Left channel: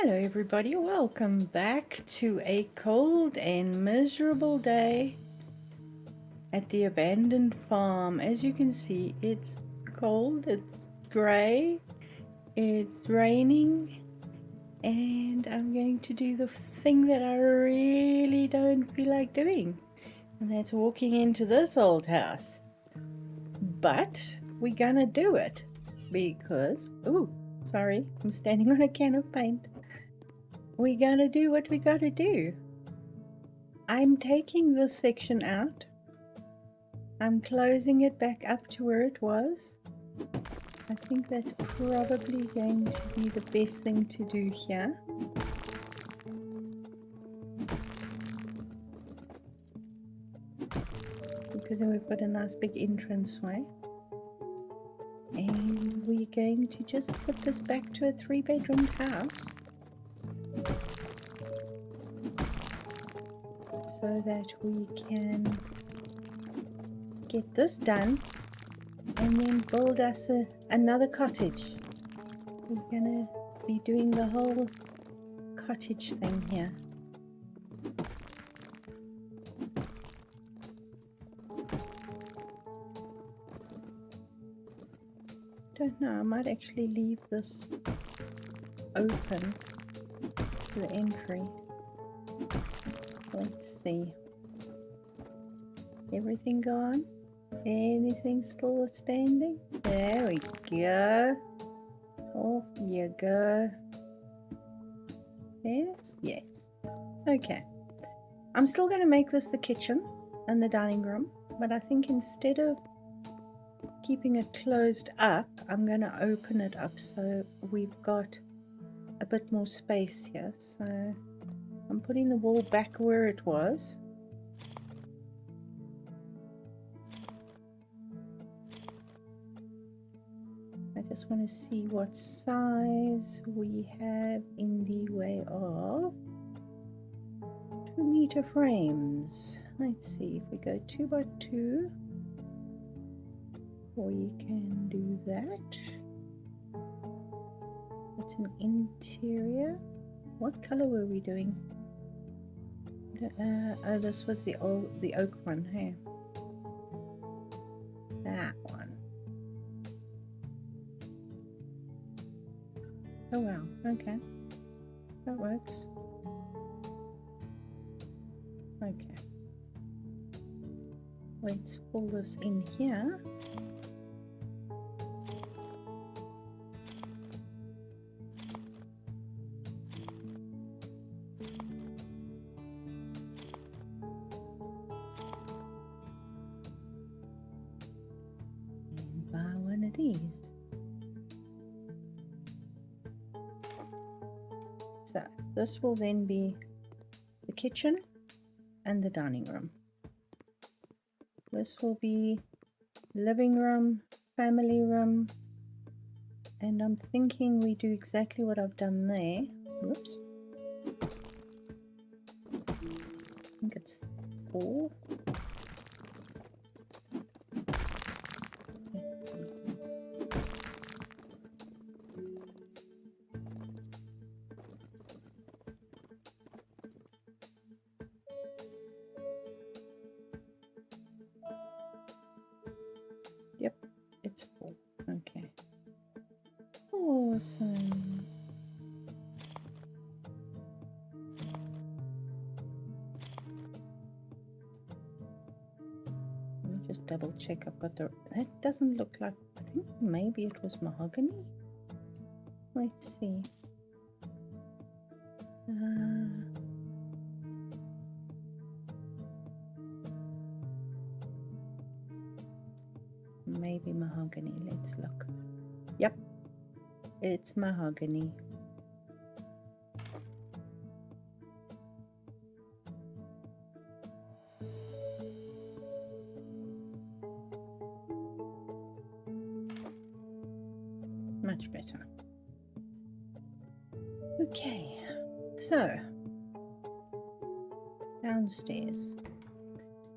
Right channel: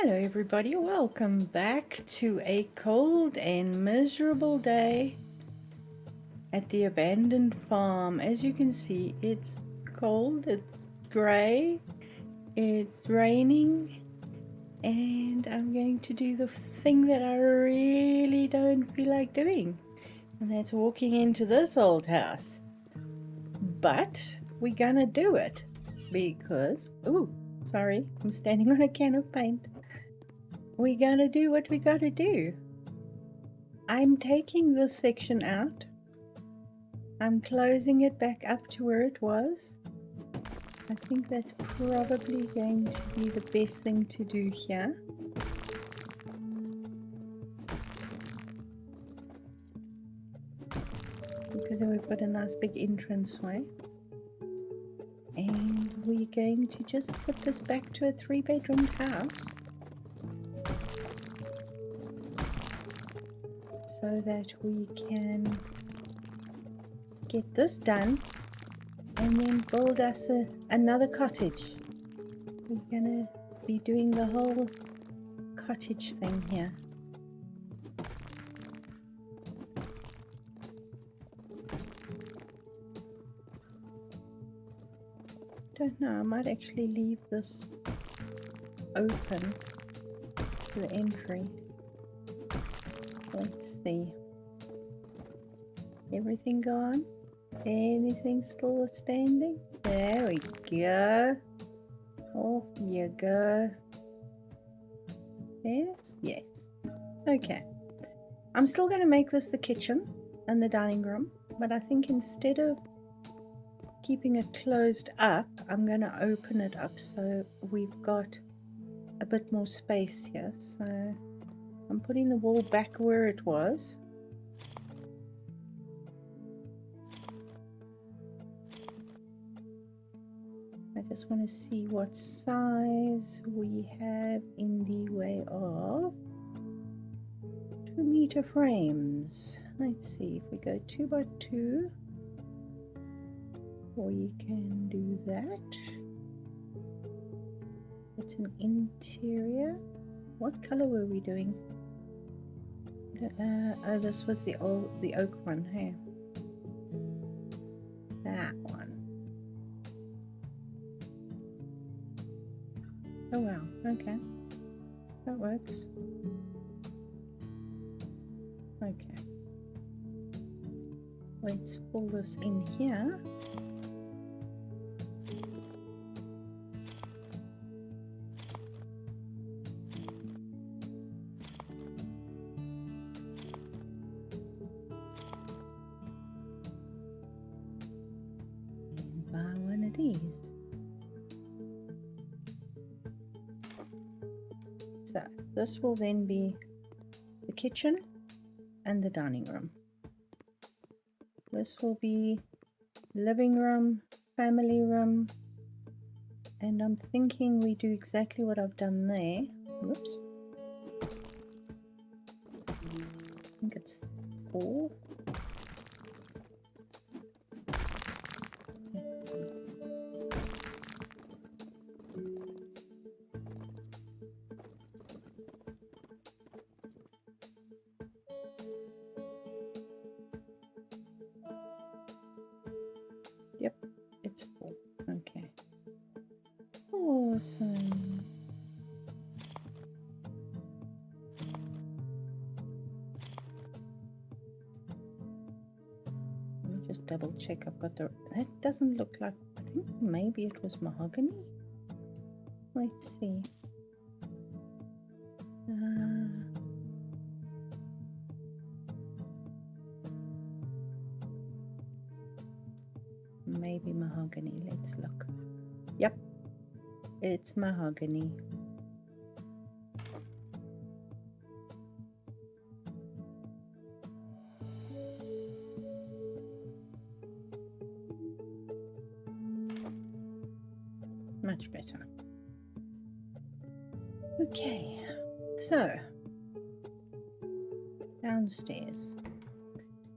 Hello everybody, welcome back to a cold and miserable day at the abandoned farm. As you can see, it's cold, it's grey, it's raining, and I'm going to do the thing that I really don't feel like doing, and that's walking into this old house. But we're gonna do it because, ooh, sorry, I'm standing on a can of paint. We gotta do what we gotta do. I'm taking this section out. I'm closing it back up to where it was. I think that's probably going to be the best thing to do here. Because then we've got a nice big entranceway. And we're going to just put this back to a 3-bedroom house. So that we can get this done and then build us another cottage. We're gonna be doing the whole cottage thing here. Don't know, I might actually leave this open to the entry. Let's see. Everything gone? Anything still standing? There we go. Off you go. Yes, yes. Okay. I'm still going to make this the kitchen and the dining room, but I think instead of keeping it closed up, I'm going to open it up so we've got a bit more space here. So I'm putting the wall back where it was. I just want to see what size we have in the way of 2-meter frames. Let's see, if we go 2 by 2, we can do that. It's an interior. What color were we doing? Oh, this was the oak one. Hey, that one. Oh wow. Okay, that works. Okay, let's pull this in here. And buy one of these. So this will then be the kitchen and the dining room. This will be living room, family room, and I'm thinking we do exactly what I've done there. Whoops. I think it's 4. Yep, it's 4. Okay. Awesome. Let me just double check I've got the... That doesn't look like... I think maybe it was mahogany. Let's see. Maybe mahogany. Let's look. Yep, it's mahogany. Much better. Okay, so downstairs.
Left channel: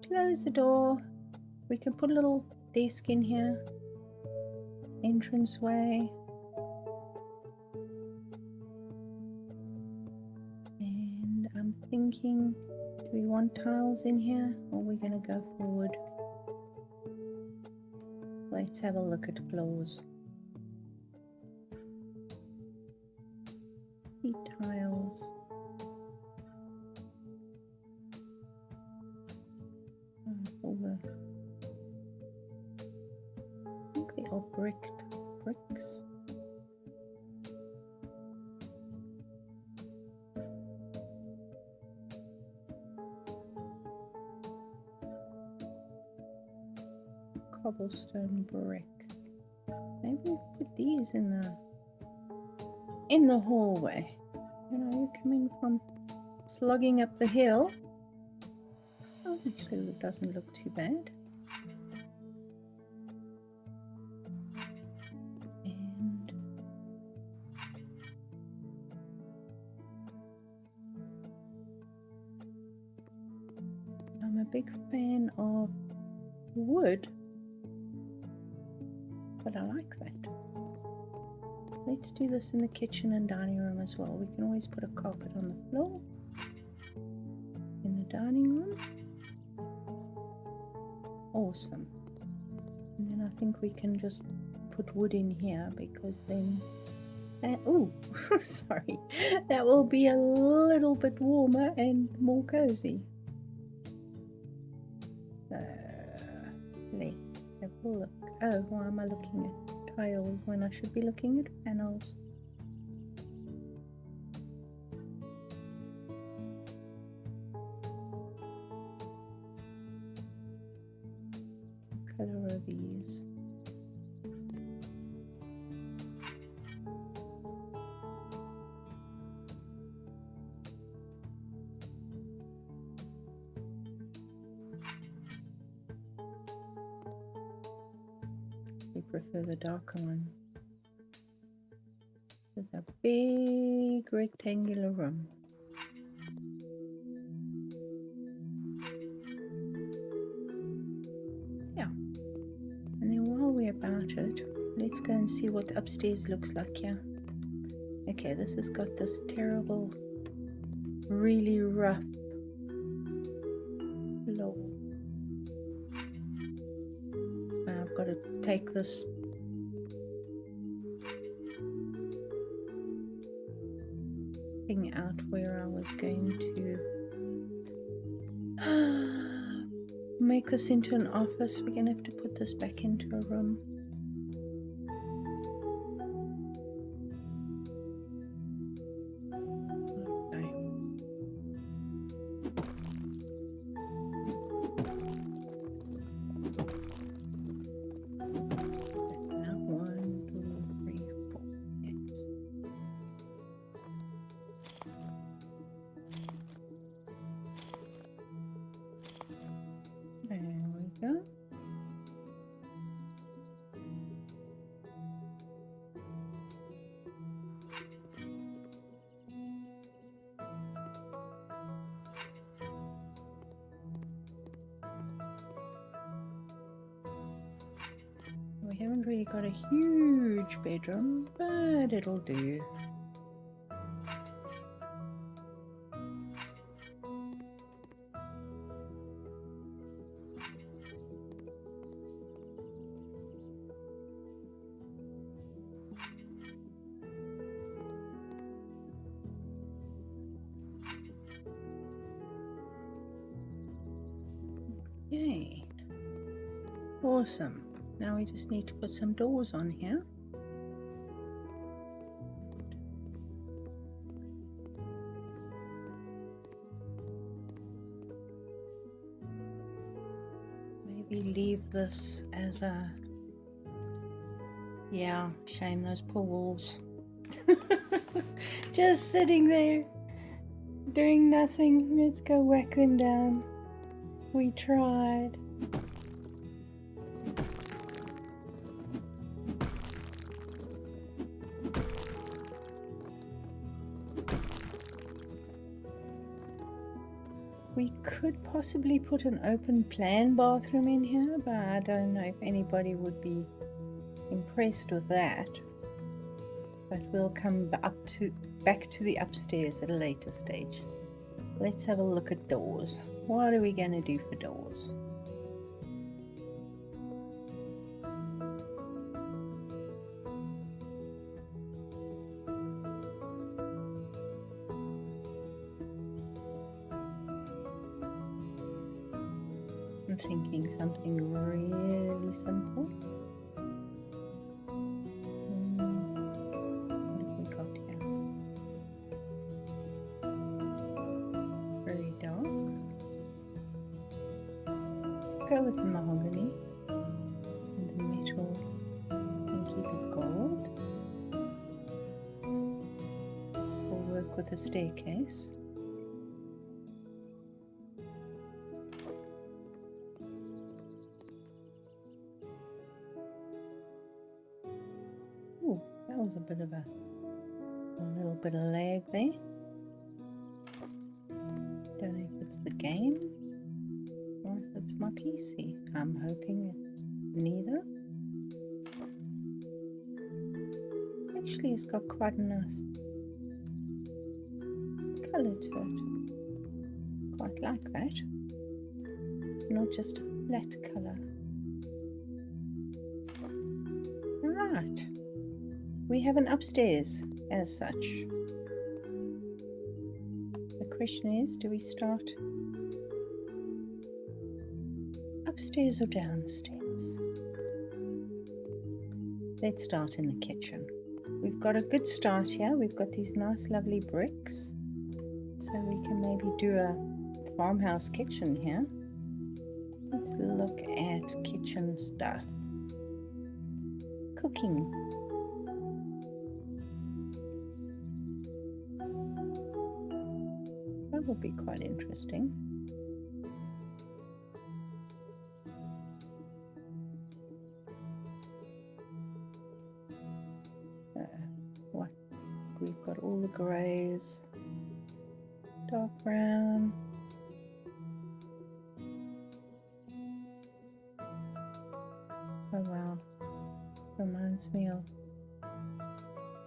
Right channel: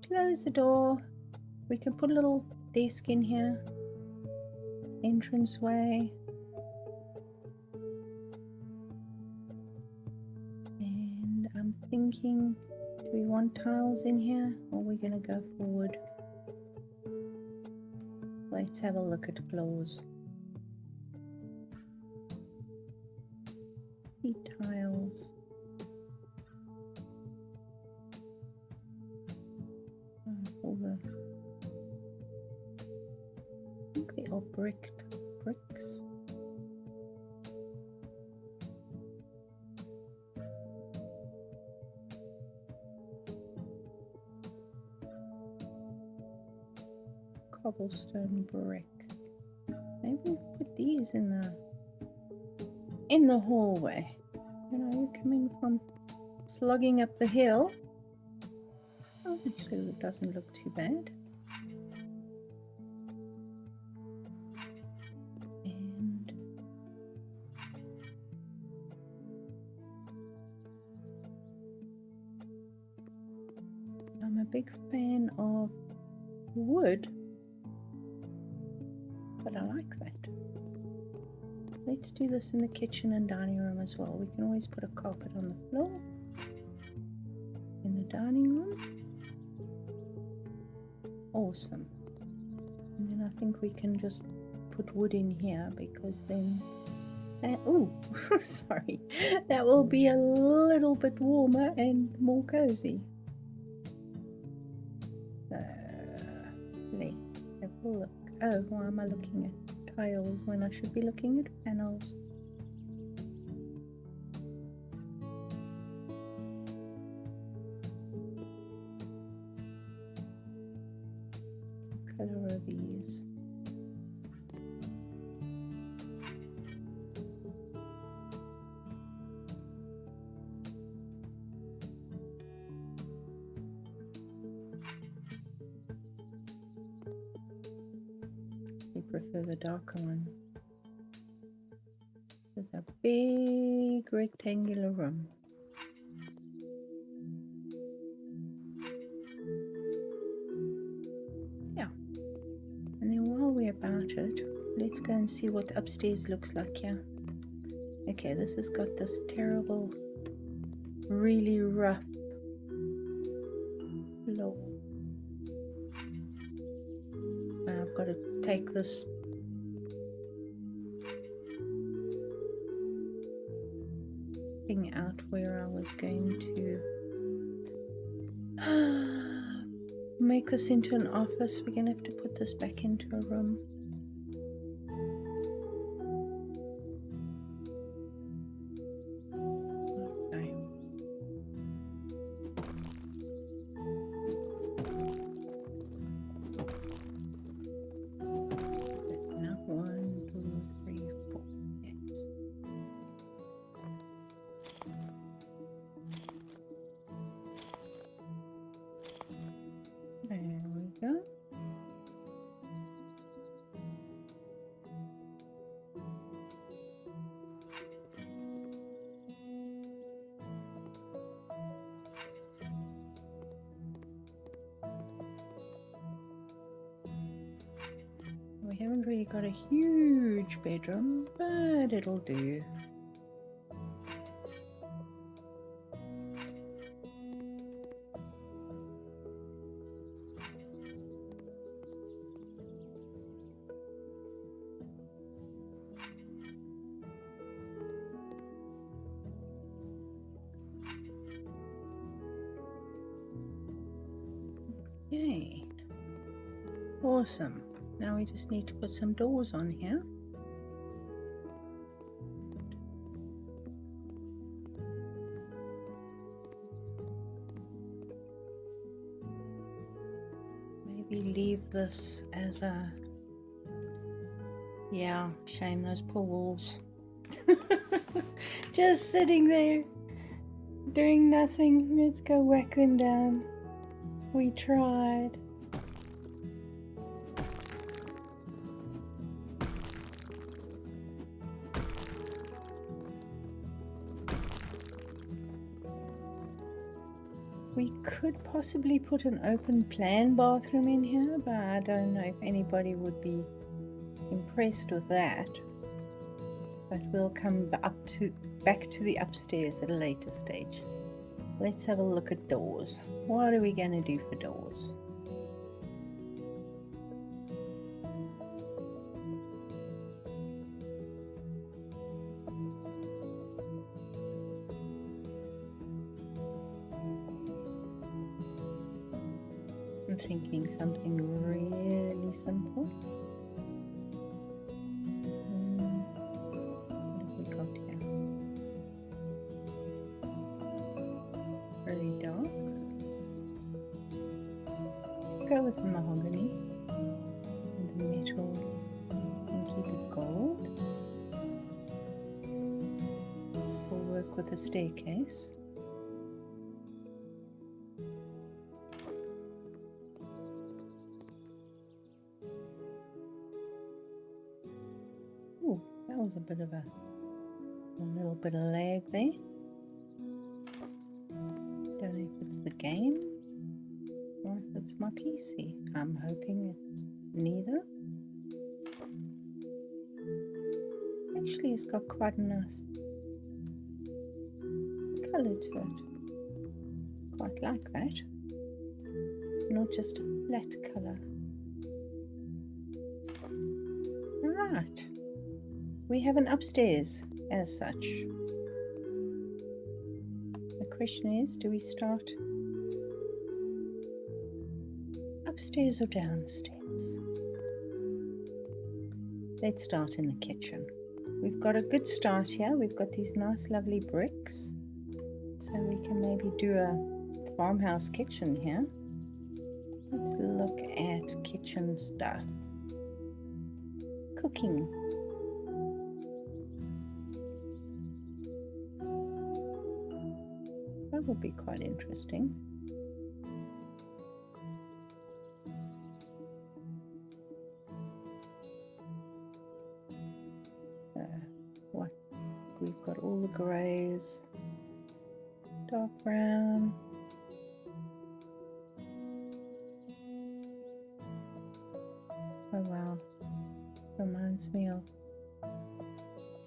Close the door. We can put a little desk in here. Entranceway. I'm thinking, do we want tiles in here or are we going to go forward? Let's have a look at floors. Heat tiles. Oh, it's all the, I think they are bricked bricks. Cobblestone brick. Maybe we'll put these in the hallway. You know, you come in from slogging up the hill. Oh, actually, it doesn't look too bad. And I'm a big fan of wood, but I like that. Let's do this in the kitchen and dining room as well. We can always put a carpet on the floor in the dining room. Awesome. And then I think we can just put wood in here because then oh sorry, that will be a little bit warmer and more cozy. Let's have a look. Oh, why am I looking at tiles when I should be looking at panels? What color are these? We prefer the darker ones. There's a big rectangular room. Yeah. And then while we're about it, let's go and see what upstairs looks like here. Okay, this has got this terrible, really rough floor. Now I've got to take this thing out where I was going to make this into an office. We're going to have to put this back into a room. Okay. Now 1, 2, 3, 4. Yes. There we go. We haven't really got a huge bedroom, but it'll do. Yay. Awesome. Now we just need to put some doors on here. Maybe leave this as a... Yeah, shame those poor wolves. Just sitting there, doing nothing. Let's go whack them down. We tried. We could possibly put an open plan bathroom in here, but I don't know if anybody would be impressed with that. But we'll come back to the upstairs at a later stage. let's have a look at doors. What are we going to do for doors? I'm thinking something really simple. What have we got here? Very dark. Go with mahogany, and the metal, and keep it gold. We'll work with a staircase. Ooh, that was a bit of a little bit of lag there. Don't know if it's the game or if it's my PC. I'm hoping it's neither. Actually, it's got quite a nice colour to it. Quite like that. Not just a flat colour. Right. We have an upstairs as such. The question is, do we start upstairs or downstairs? Let's start in the kitchen. We've got a good start here. We've got these nice lovely bricks. So we can maybe do a farmhouse kitchen here. Let's look at kitchen stuff. Cooking. That would be quite interesting. What? We've got all the greys, dark brown. Oh wow, reminds me of,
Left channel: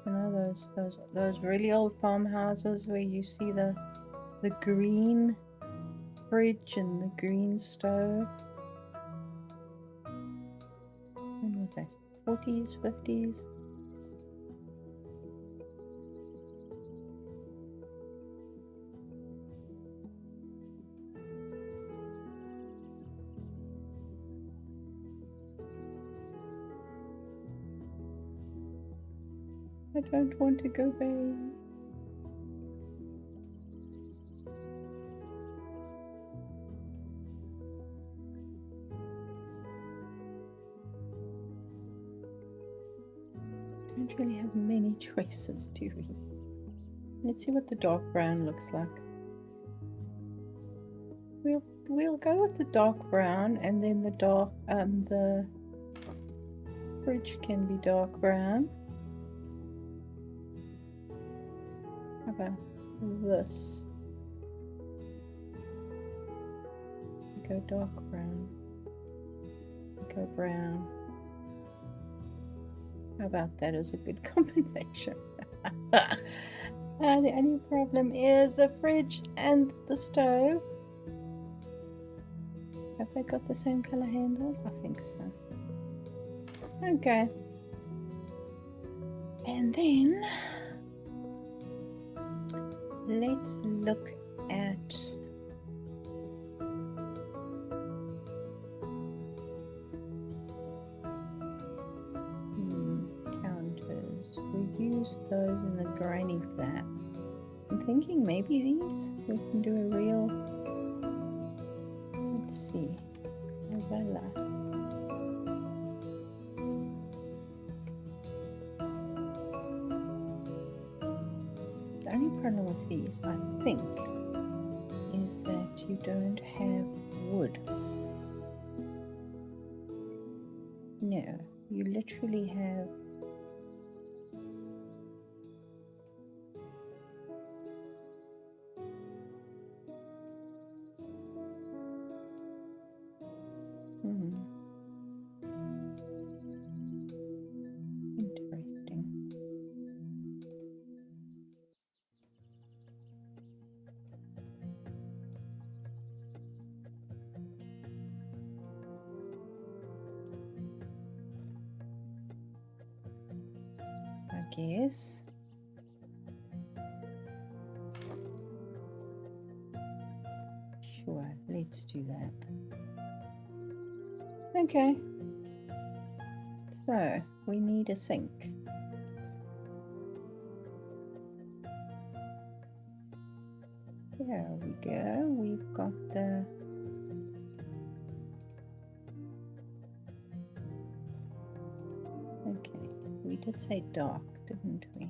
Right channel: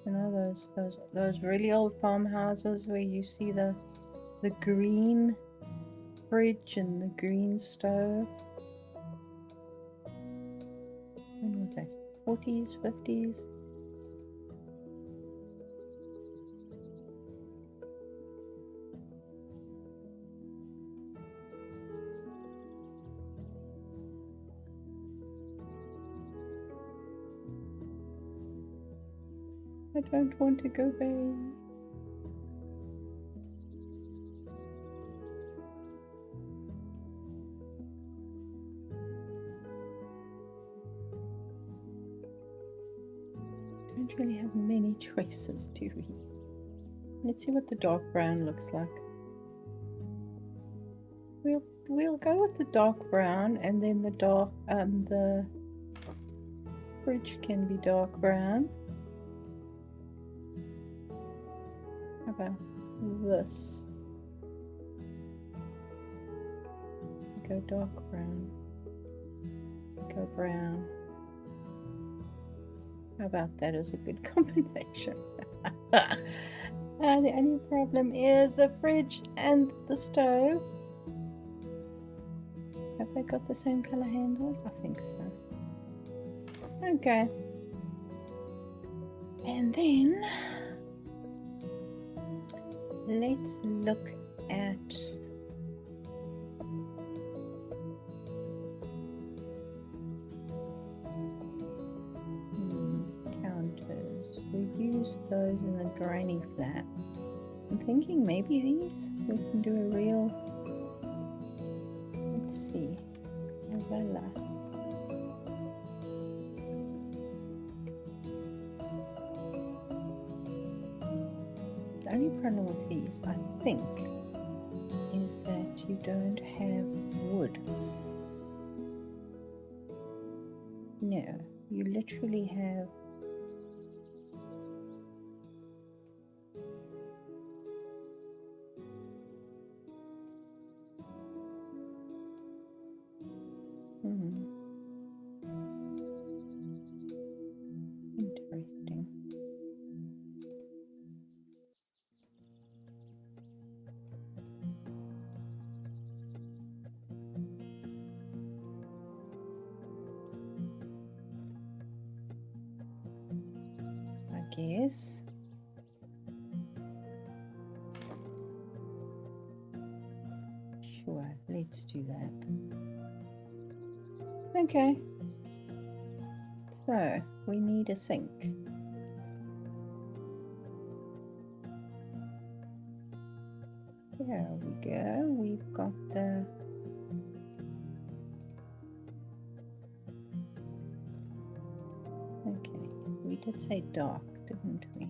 you know, those really old farmhouses where you see the green fridge and the green stove. When was that? 40s, 50s? I don't want to go back. Don't really have many choices, do we? Let's see what the dark brown looks like. We'll go with the dark brown, and then the fridge can be dark brown. How about this? Go dark brown. Go brown. How about that as a good combination? The only problem is the fridge and the stove. Have they got the same color handles? I think so. Okay. And then let's look at counters. We used those in the granny flat. I'm thinking maybe these we can do a real, let's see, novella. The only problem with these, I think, is that you don't have wood. No, you literally have interesting. guess. Sure, let's do that. Okay. So, we need a sink. There we go. We've got the okay, we did say dark, didn't we?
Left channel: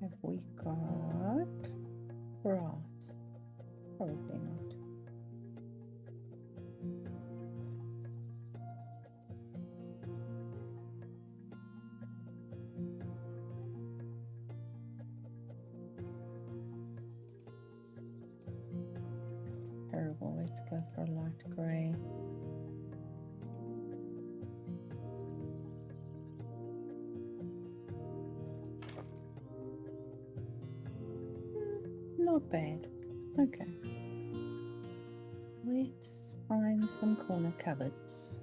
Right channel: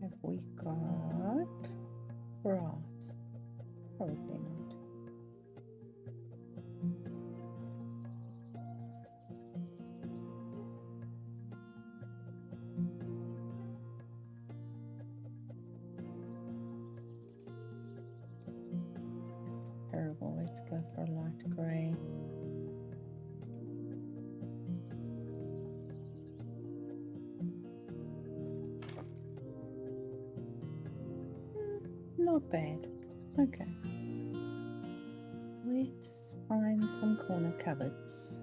Have we got brass? Probably not. Terrible. Let's go for a light grey. Not bad. Okay. Let's find some corner cupboards.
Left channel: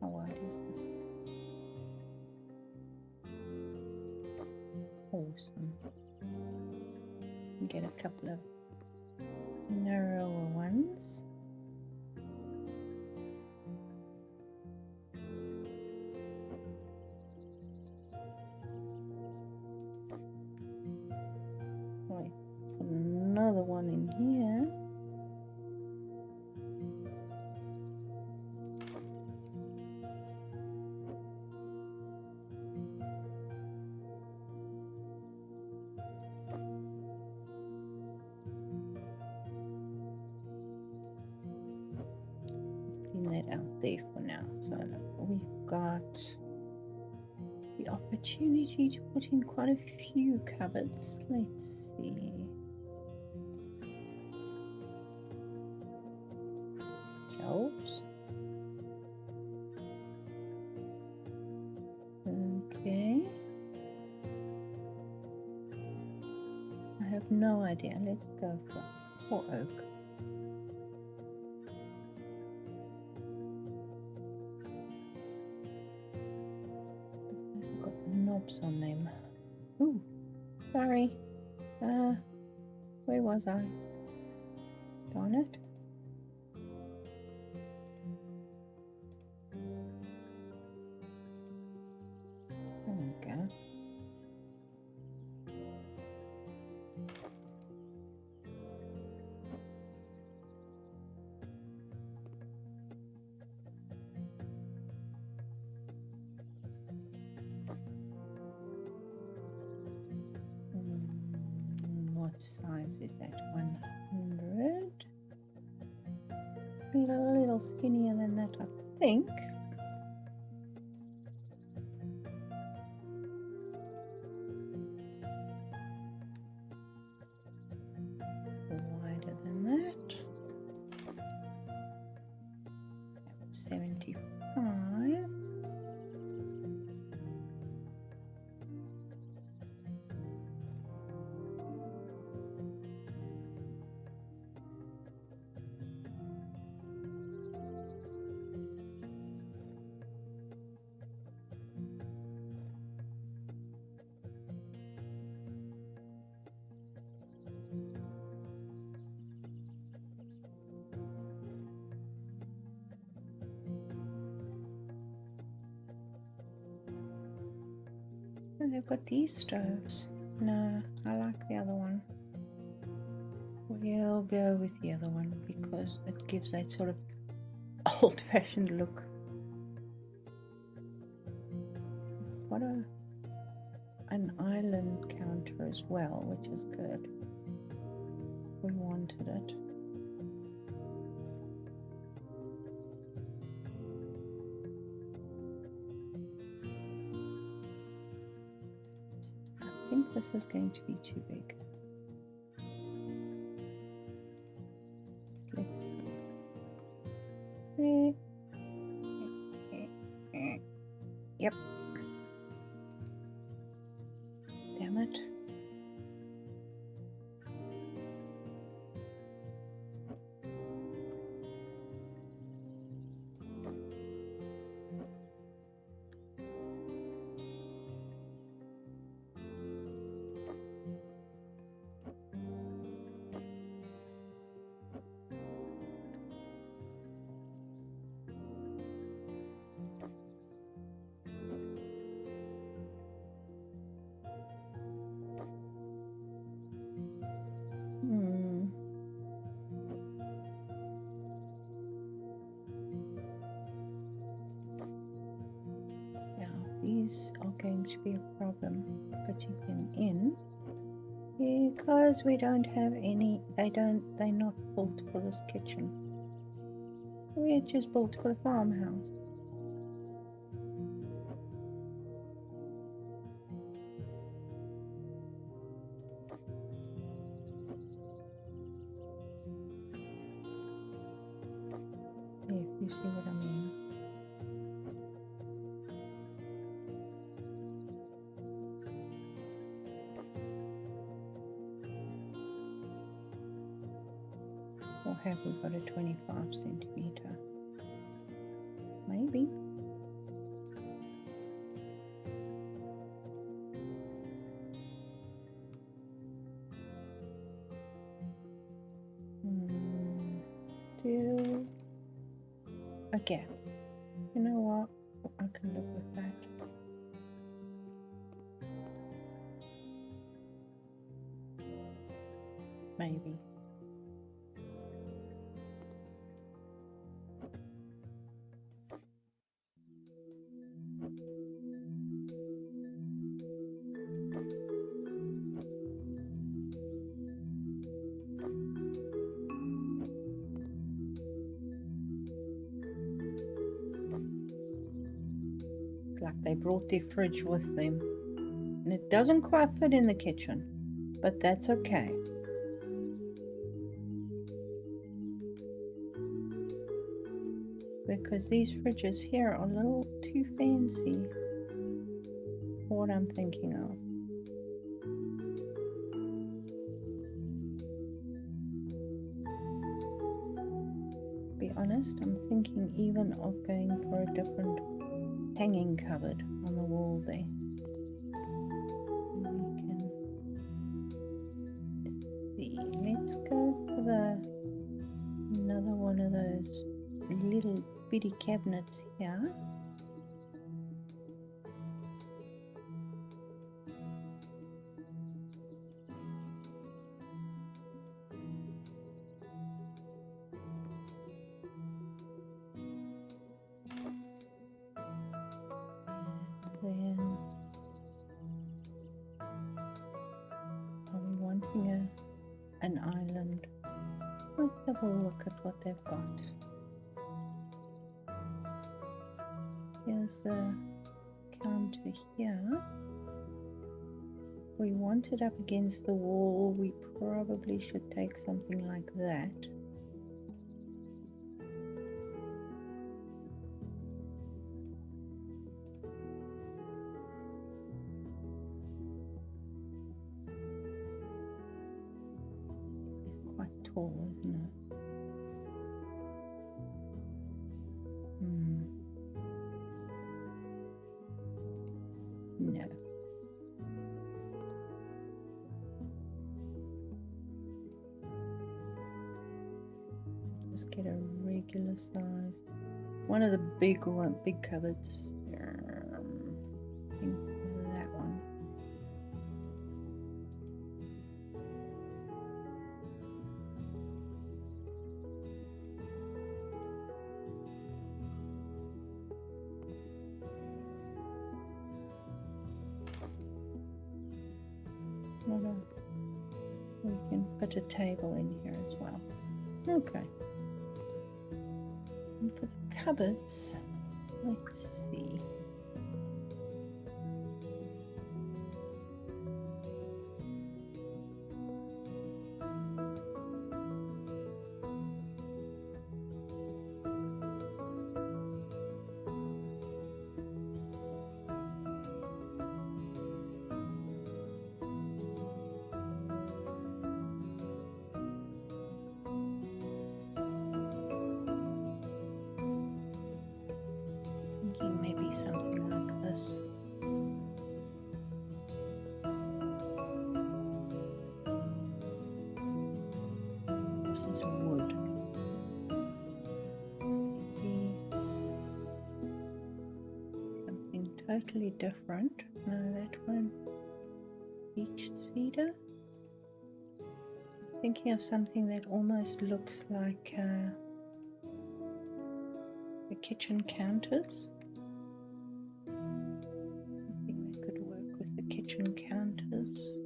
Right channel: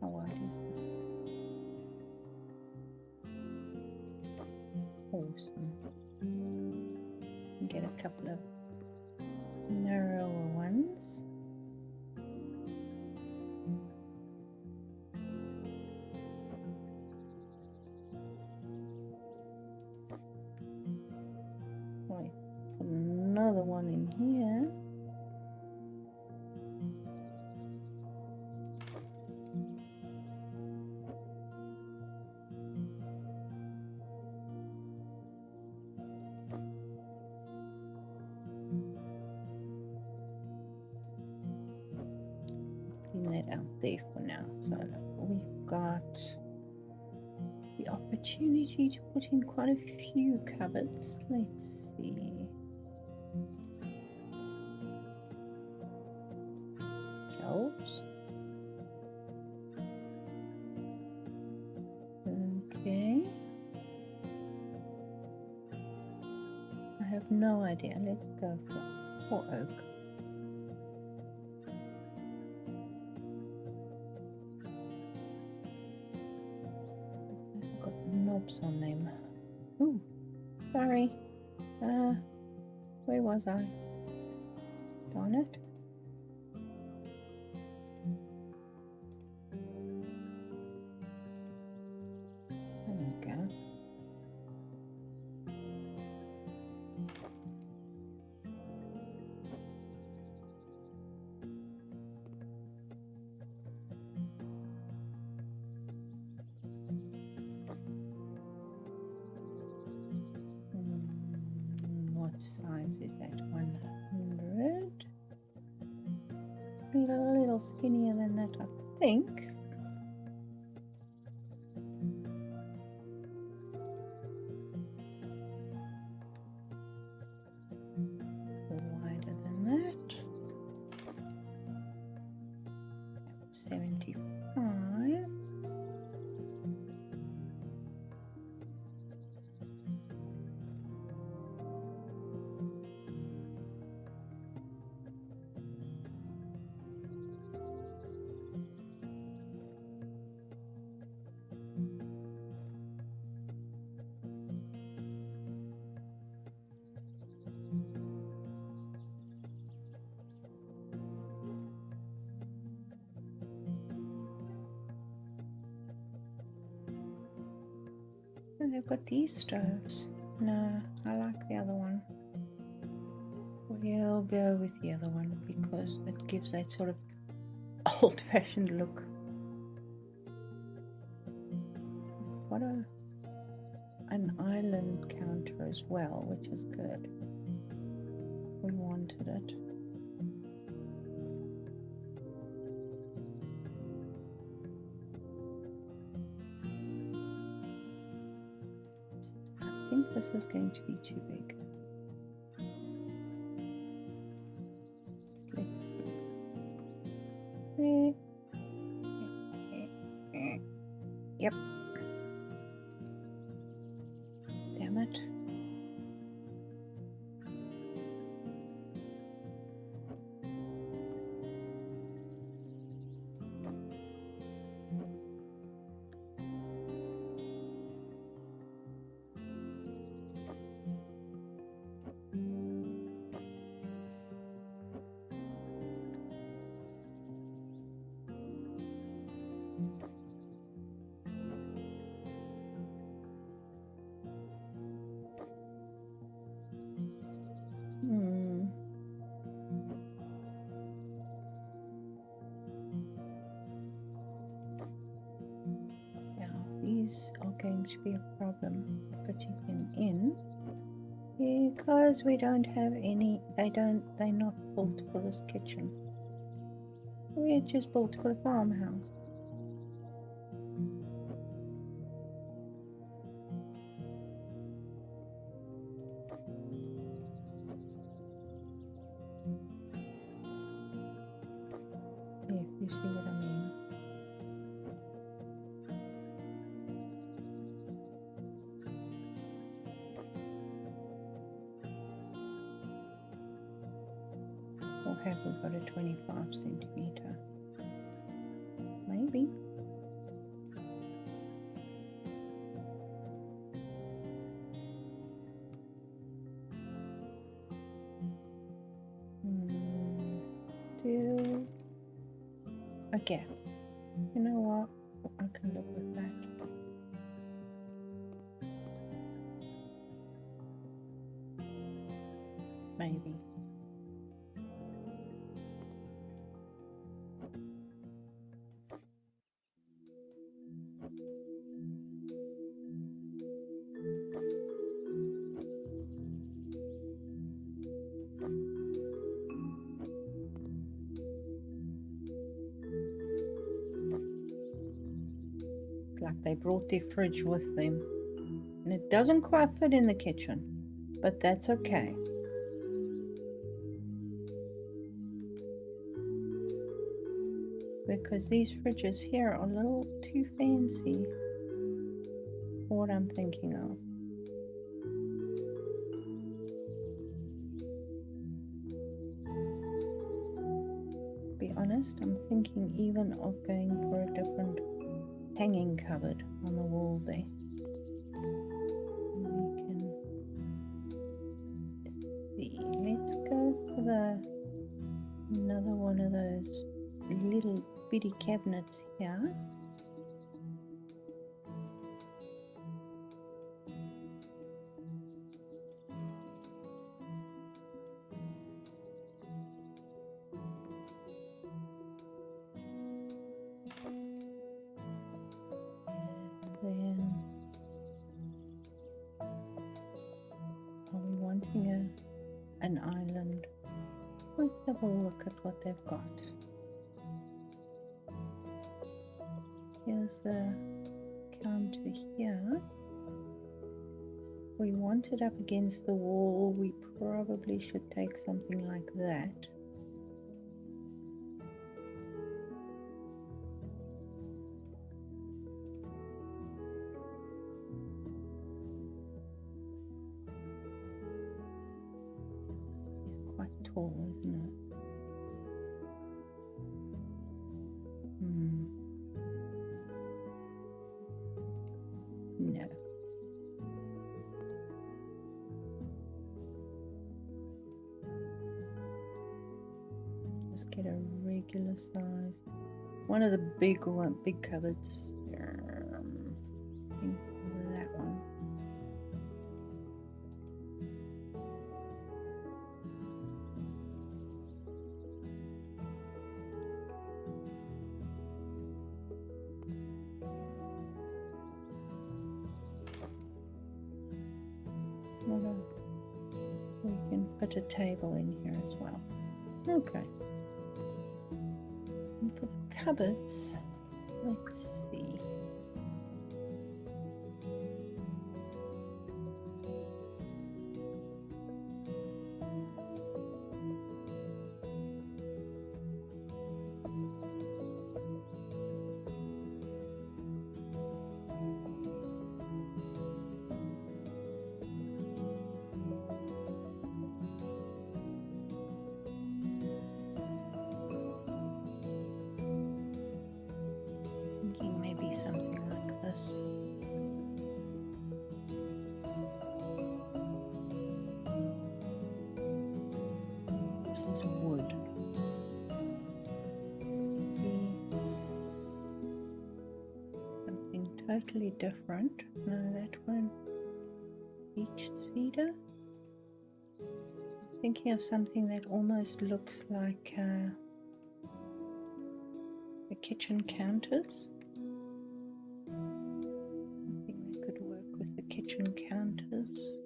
How wide is this? Awesome. Get a couple of narrower ones. Right, put another one in here. That out there for now. So we've got the opportunity to put in quite a few cupboards. Let's see. Shelves. Okay. I have no idea. Let's go for oak. Knobs on them. Ooh, sorry. Where was I? Darn it. There we go. What size is that? 100? A little skinnier than that, I think. Wider than that. 75. And they've got these stoves. No, I like the other one. We'll go with the other one because it gives that sort of old-fashioned look. What an island counter as well, which is good. wanted it. I think this is going to be too big. Let's see. Yep. Damn it. These are going to be a problem putting them in because we don't have any, they're not built for this kitchen. We're just built for the farmhouse. If you see what I mean. Or have we got a 25 centimeter? Maybe. Still a gap. You know what? I can live with that. Maybe. Like they brought their fridge with them, and it doesn't quite fit in the kitchen, but that's okay. Because these fridges here are a little too fancy for what I'm thinking of. To be honest, I'm thinking even of going for a different hanging cupboard on the wall there. We can see. Let's go for another one of those little bitty cabinets here. Then are we wanting an island? Let's have a look at what they've got. Here's the counter here. We want it up against the wall. We probably should take something like that. It's quite tall, isn't it? No. Just get a regular size. One of the big cupboards. I think that one. We can fit a table in here as well. Okay. And for the cupboards, let's see. Thinking maybe something like this. This is wood. Maybe something totally different. No, that one. Beech cedar. I'm thinking of something that almost looks like the kitchen counters. Something that could work with the kitchen counters.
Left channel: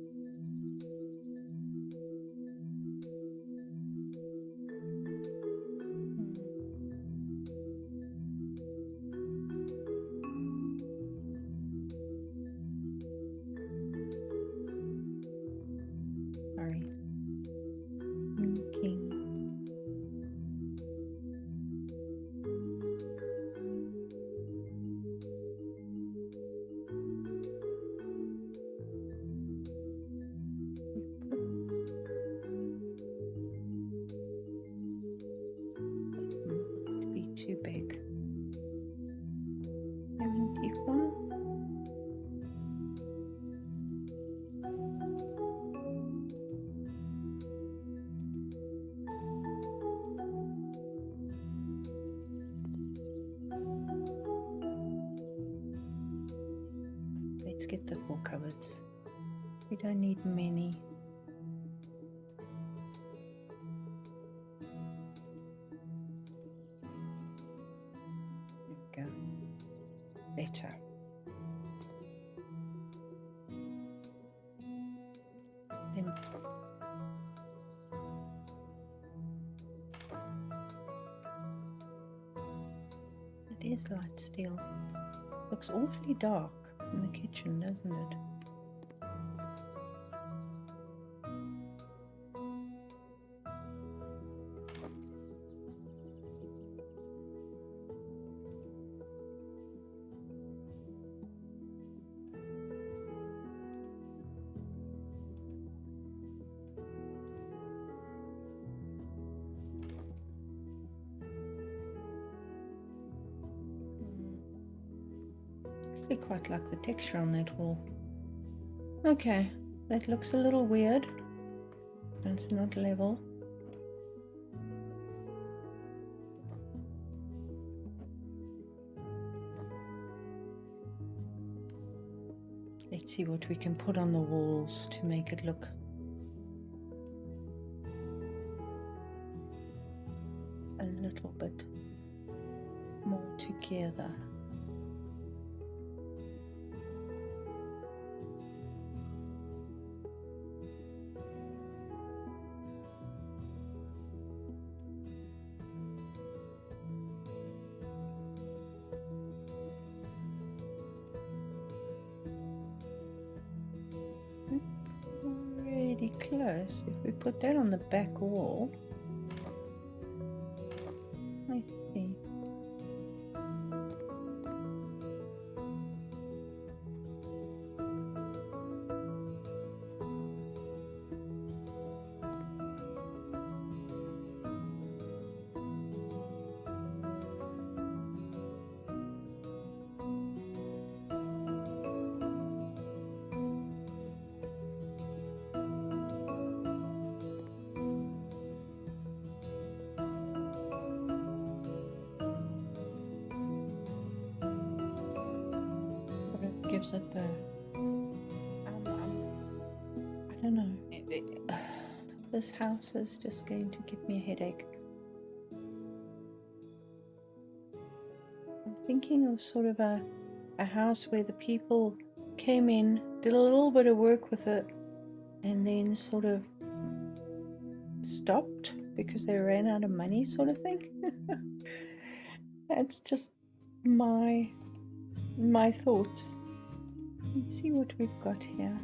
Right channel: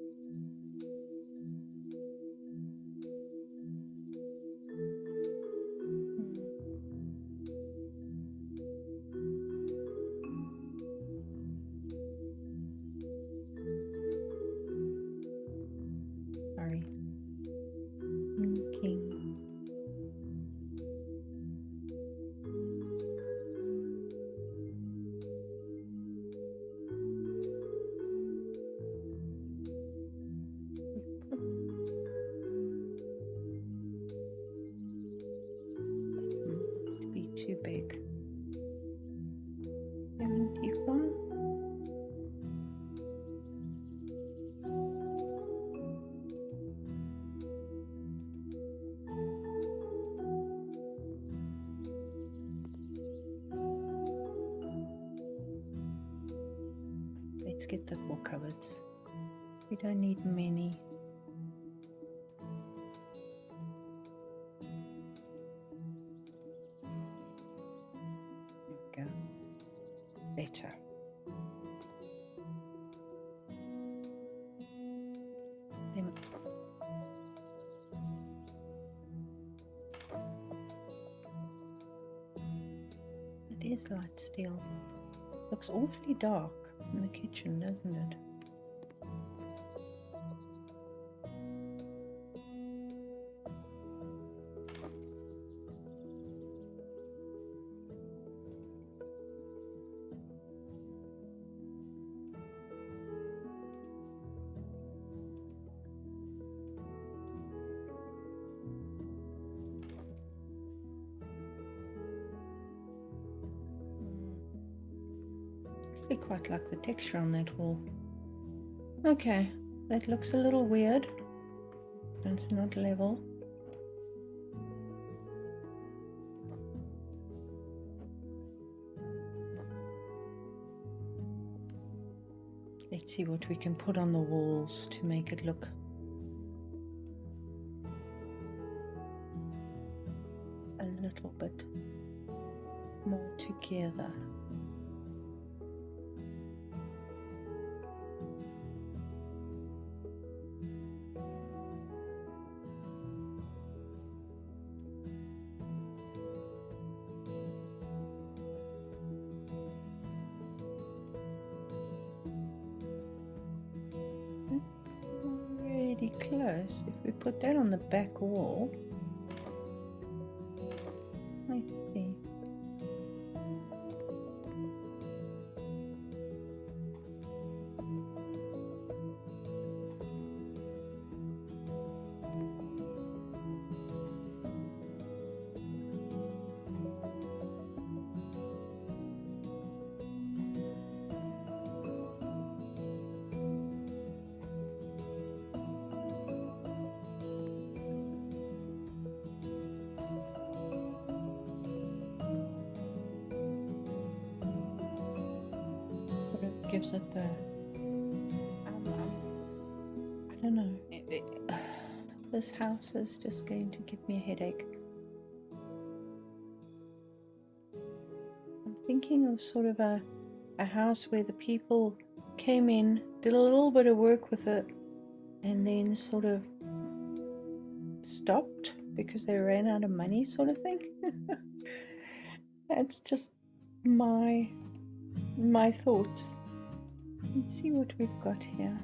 Sorry. Thinking. Be too big. 74. Let's get the 4 cupboards. We don't need many. There we go. Better. Then it is light steel. Looks awfully dark in the kitchen, doesn't it? I quite like the texture on that wall. Okay, that looks a little weird. It's not level. Let's see what we can put on the walls to make it look a little bit more together. Pretty close. If we put that on the back wall, let's see. Gives it the I don't know, this house is just going to give me a headache. I'm thinking of sort of a house where the people came in, did a little bit of work with it, and then sort of stopped because they ran out of money, sort of thing. That's just my thoughts. Let's see what we've got here.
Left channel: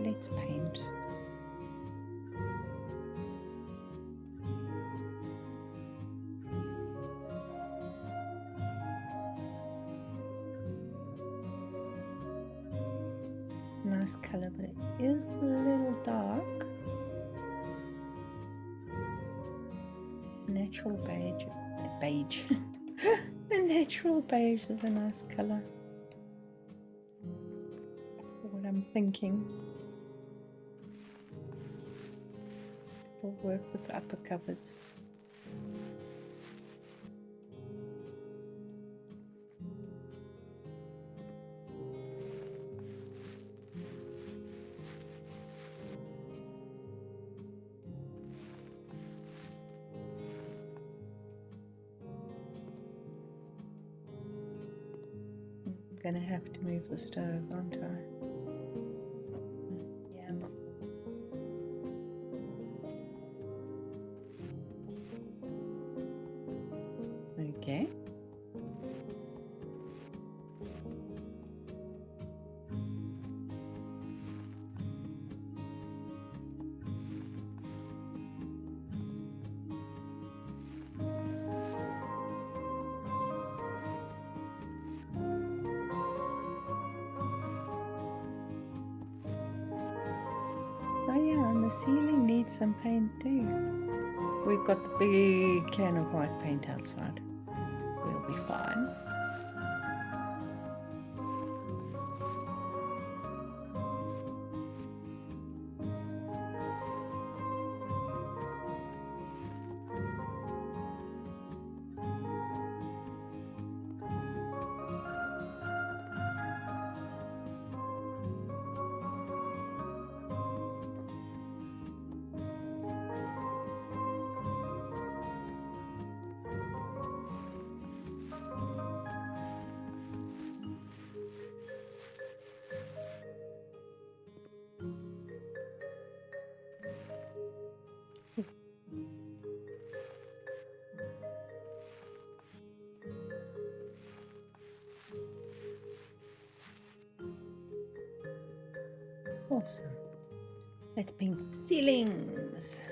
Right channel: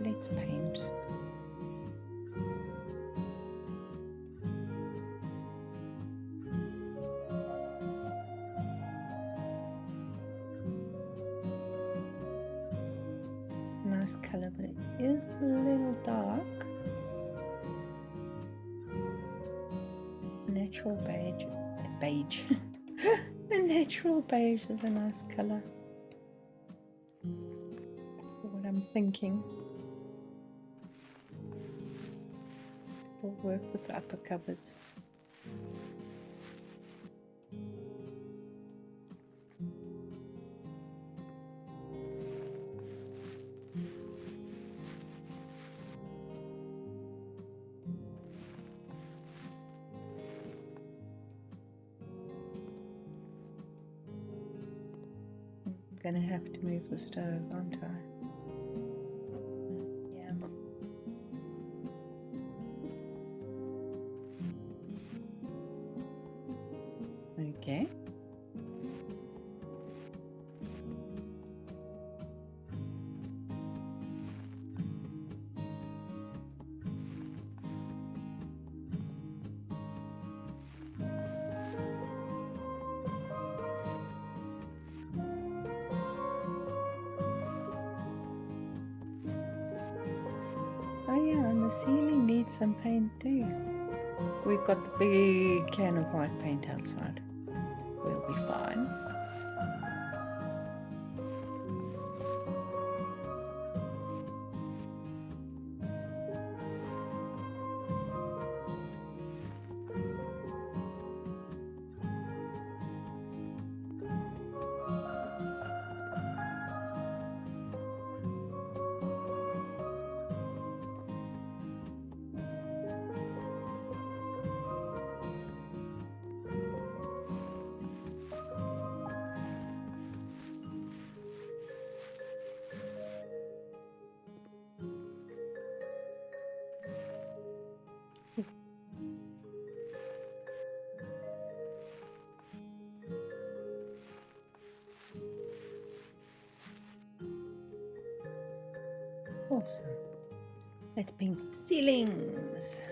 Let's paint. Nice color, but it is a little dark. Natural beige. The natural beige is a nice color. What I'm thinking. Still work with the upper cupboards. I'm gonna have to move the stove, aren't I? Okay. Oh yeah, and the ceiling needs some paint too. We've got the big can of white paint outside. We'll be fine. Awesome. Let's paint the ceilings.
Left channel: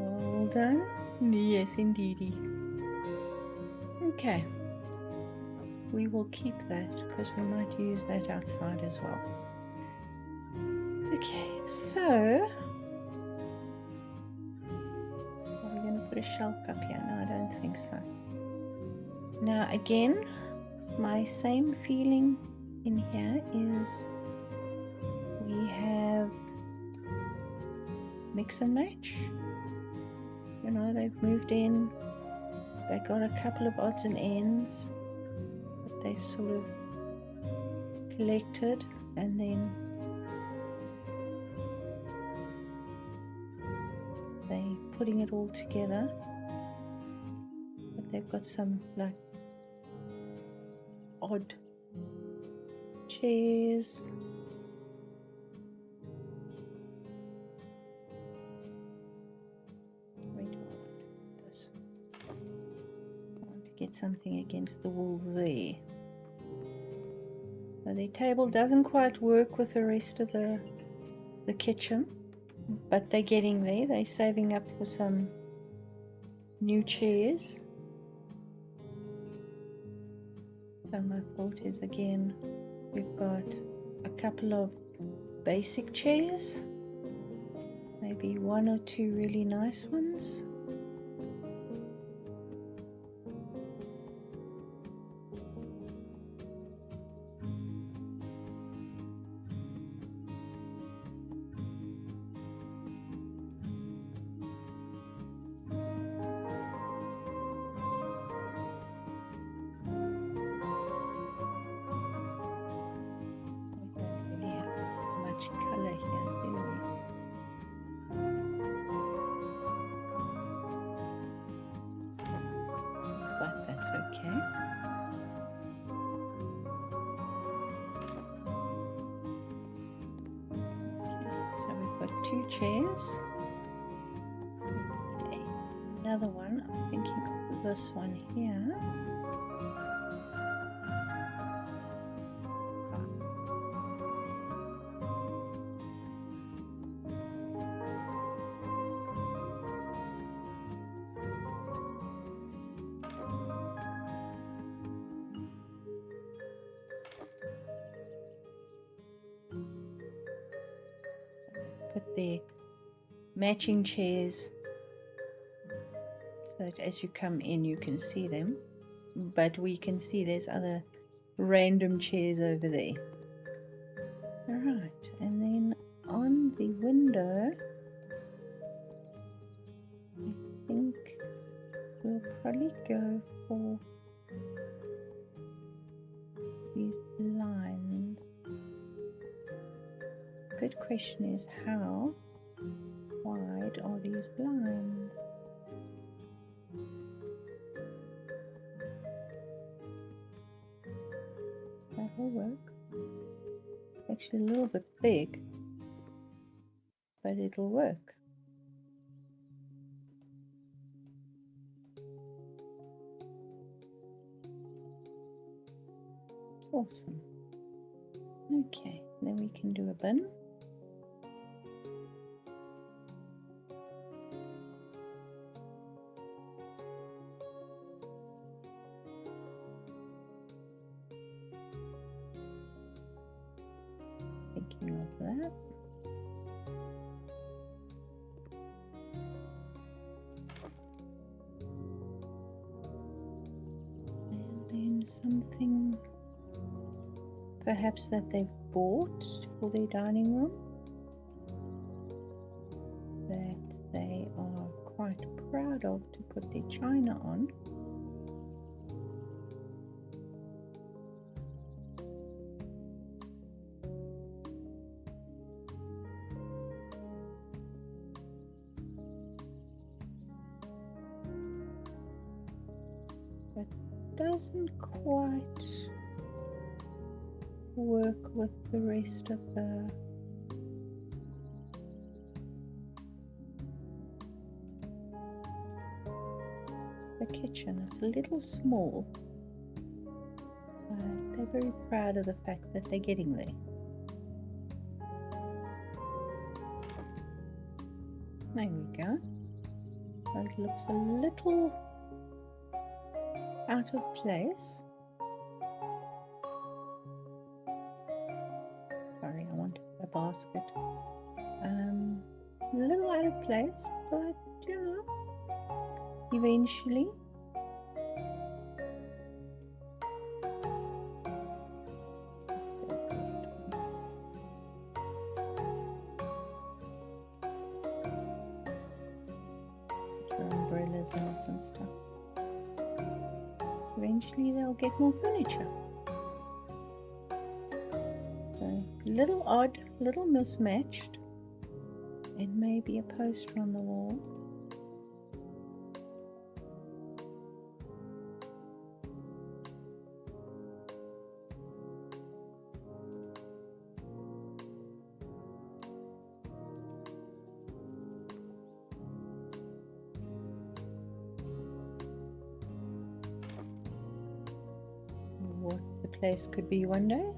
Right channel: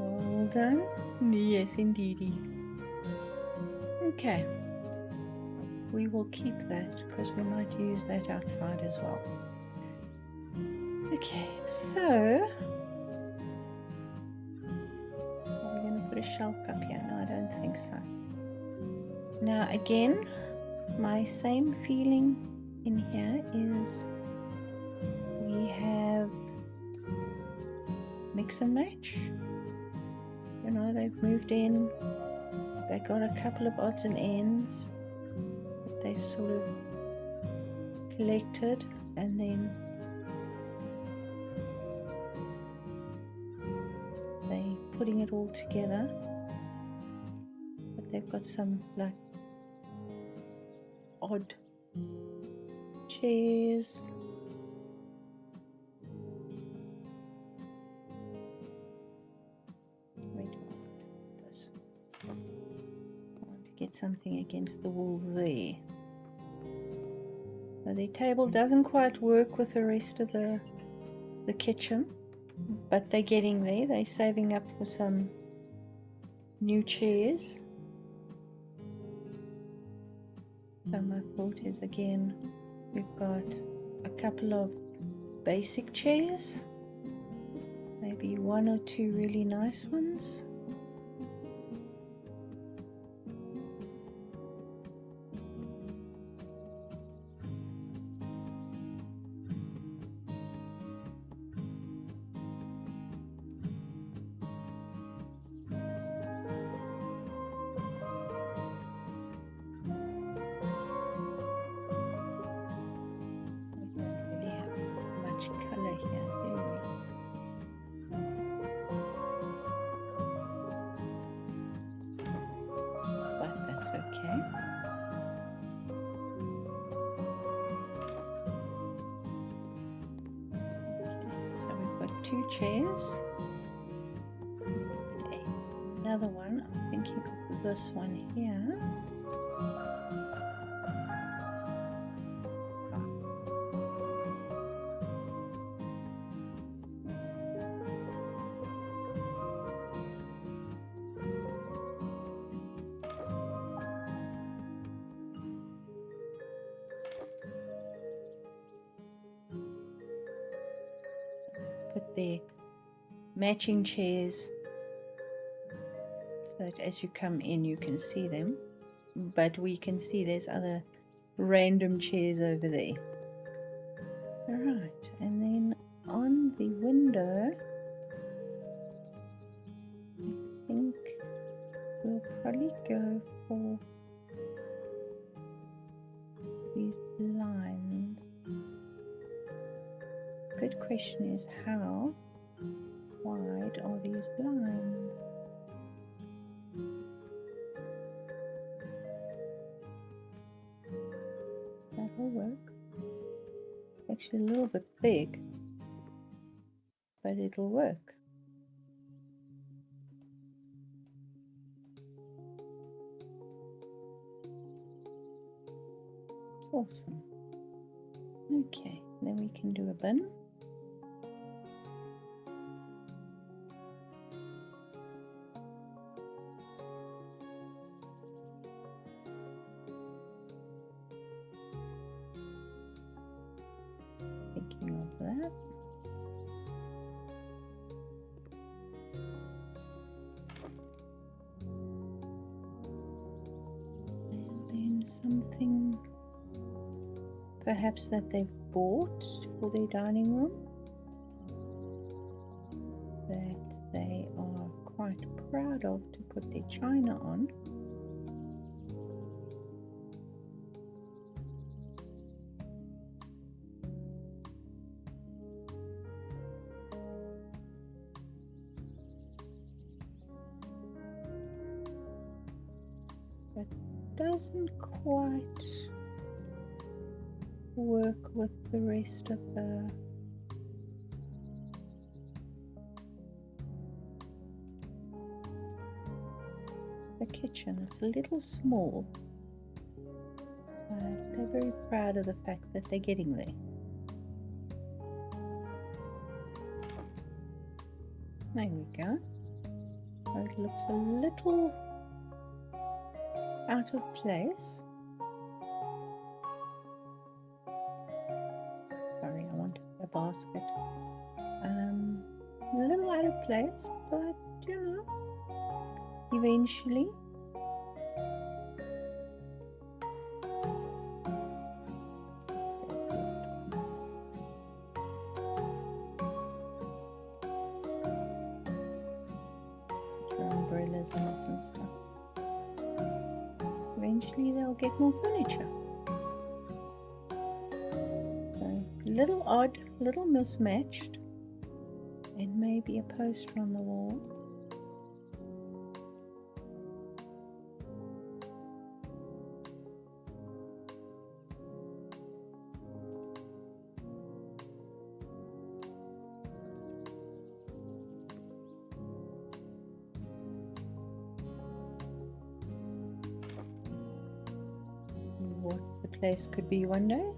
All done? Yes, indeedy. Okay. We will keep that because we might use that outside as well. Okay, so are we going to put a shelf up here? No, I don't think so. Now again, my same feeling in here is we have mix and match. You know, they've moved in, they got a couple of odds and ends that they've sort of collected, and then they putting it all together. But they've got some like odd chairs. Wait, this. I want to get something against the wall there. So the table doesn't quite work with the rest of the kitchen, but they're getting there. They're saving up for some new chairs. So my thought is, again, we've got a couple of basic chairs, maybe one or two really nice ones. Color here, do we? But that's okay. Okay, so we've got two chairs. We need another one. I'm thinking of this one here. Put their matching chairs so that as you come in you can see them, but we can see there's other random chairs over there. Alright, and then on the window I think we'll probably go for these blinds. Good question is, how wide are these blinds? That will work. Actually a little bit big, but it'll work. Awesome. Okay, then we can do a bin. Thinking of that. And then something perhaps that they've bought for their dining room that they are quite proud of to put their china on. But doesn't quite work with the rest of the kitchen. It's a little small, but they're very proud of the fact that they're getting there. There we go. So it looks a little out of place. Sorry, I wanted a basket. A little out of place, but you know, eventually. Put your umbrellas in it and stuff. Eventually they'll get more furniture. So, little odd, little mismatched, and maybe a poster on the wall. What the place could be one day.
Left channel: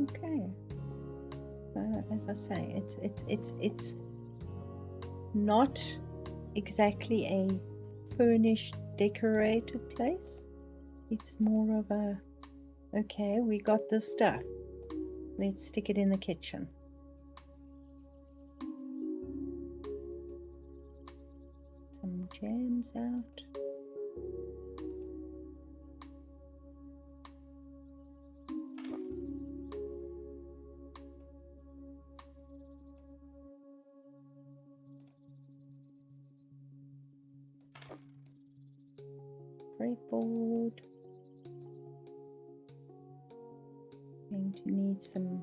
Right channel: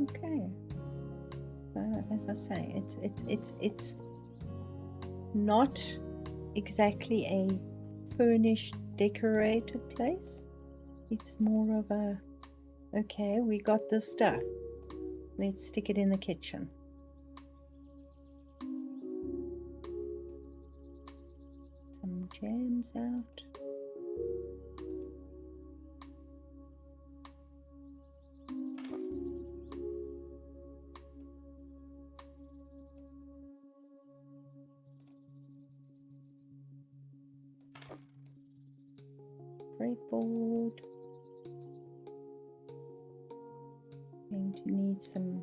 Okay. As I say, it's not exactly a furnished, decorated place. It's more of a, okay, we got this stuff. Let's stick it in the kitchen. Some jams out. Breadboard. Going to need some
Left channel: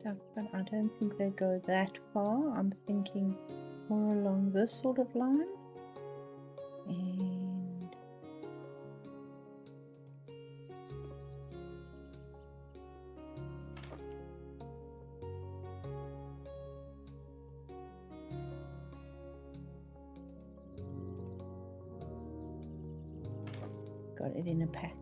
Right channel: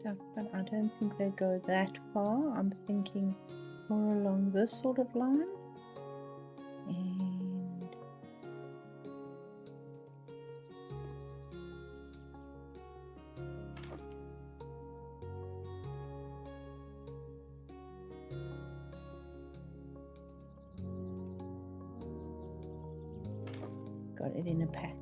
stuff, but I don't think they go that far. I'm thinking more along this sort of line. And got it in a pack.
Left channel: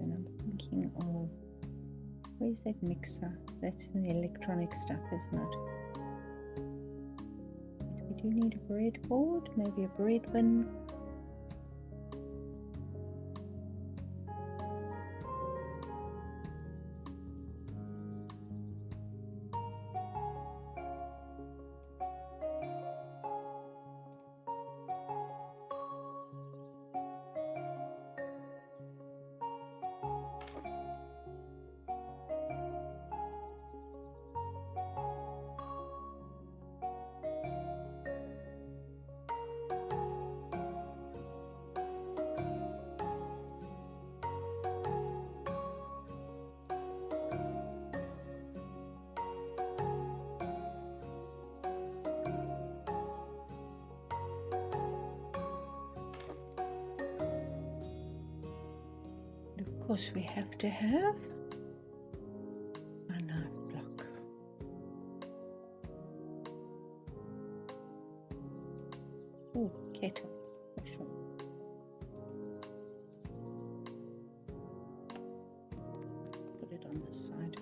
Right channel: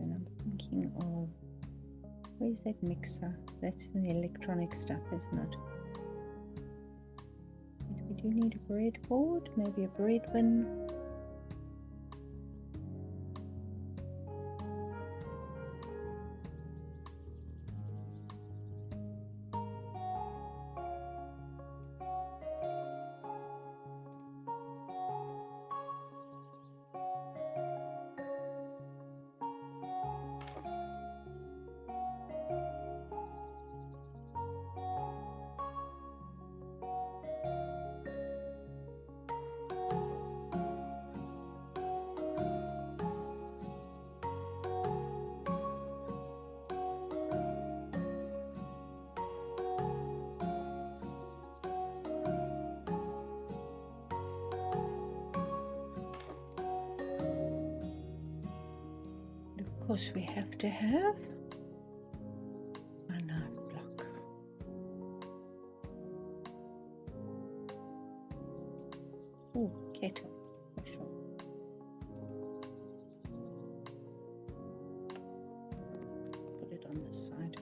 And I'm thinking of, where's that mixer? That's the electronic stuff, isn't it? But we do need a breadboard, maybe a bread bin. Of course, we have to have a knife block. Oh, kettle, for sure. Put it on this side.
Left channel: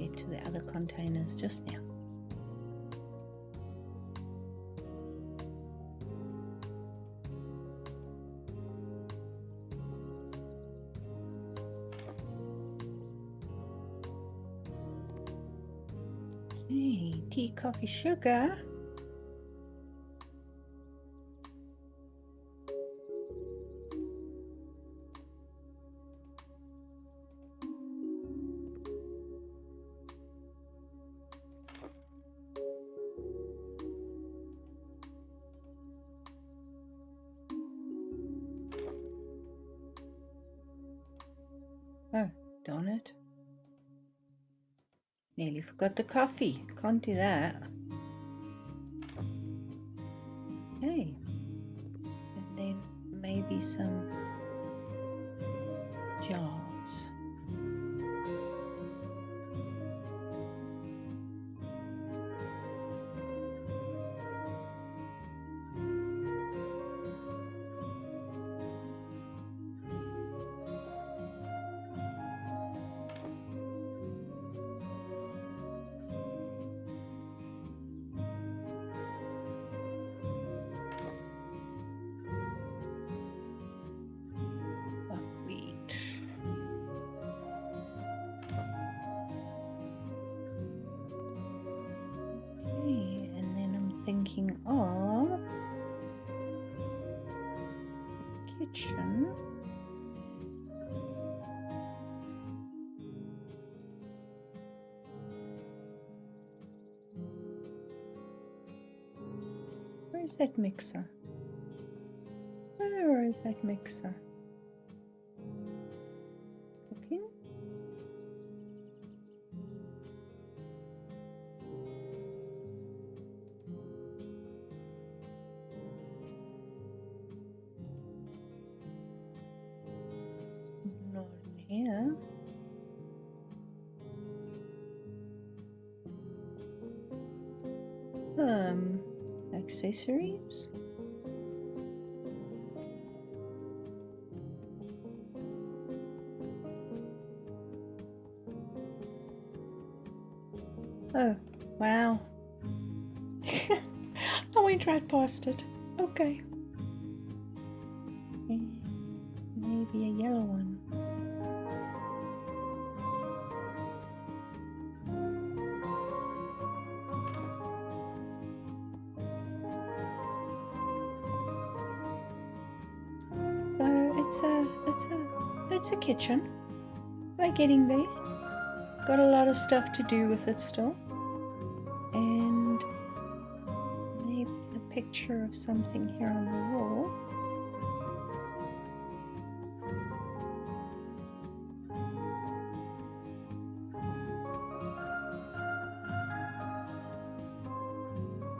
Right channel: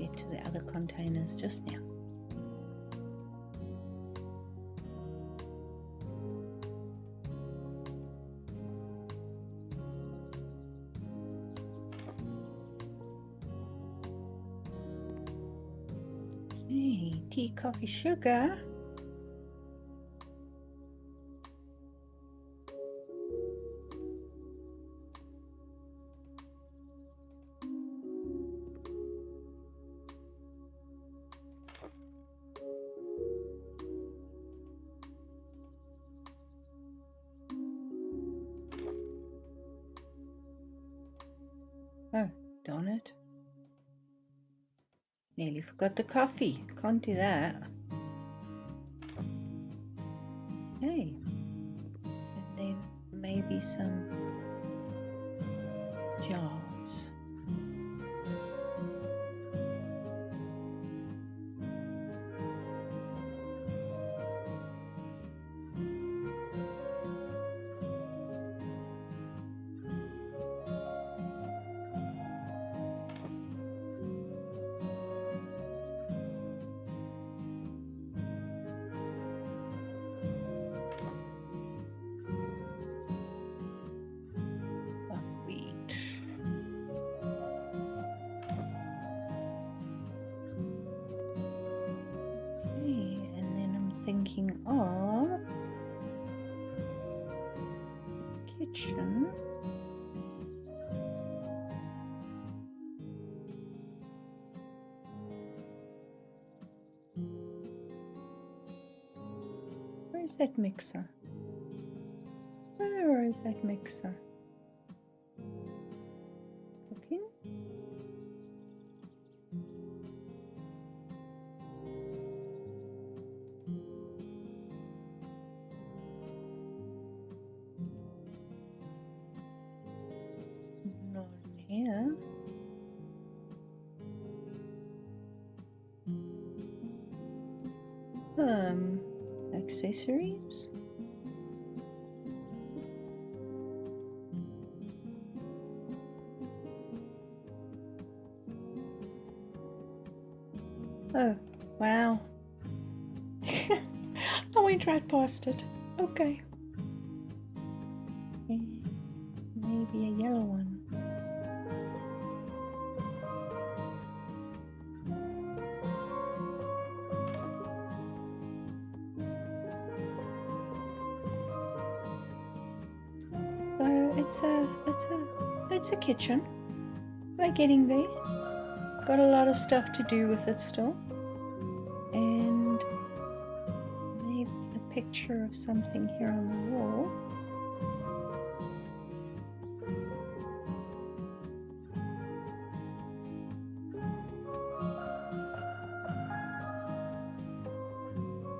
Get to the other containers just now. Okay, tea, coffee, sugar. Oh, darn it. Nearly forgot the coffee. Can't do that. Okay. And then maybe some jars. Buckwheat. Okay, and then I'm thinking of the kitchen. Where's that mixer? Where is that mixer? Cooking? Not in here. Accessories. Oh, wow. I went right past it. Okay. Maybe a yellow one. So it's a kitchen. We're getting there. Got a lot of stuff to do with it still. And maybe a picture of something here on the wall.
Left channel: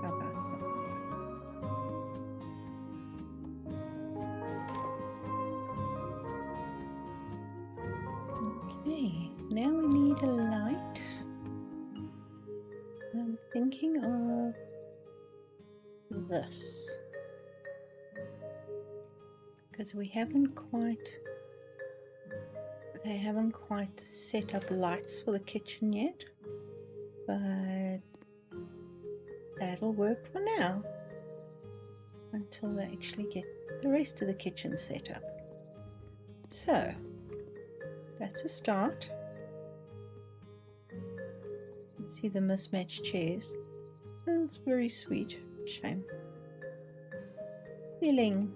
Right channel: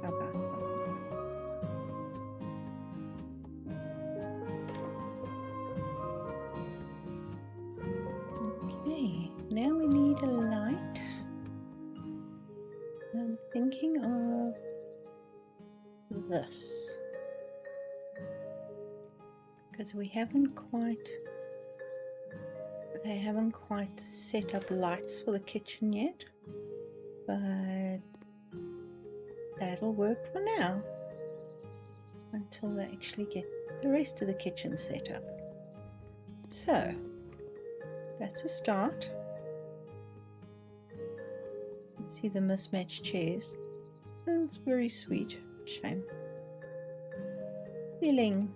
How about okay, now we need a light. I'm thinking of this, because they haven't quite set up lights for the kitchen yet, but that'll work for now until they actually get the rest of the kitchen set up. So that's a start. See the mismatched chairs. That's very sweet. Shame. Feeling.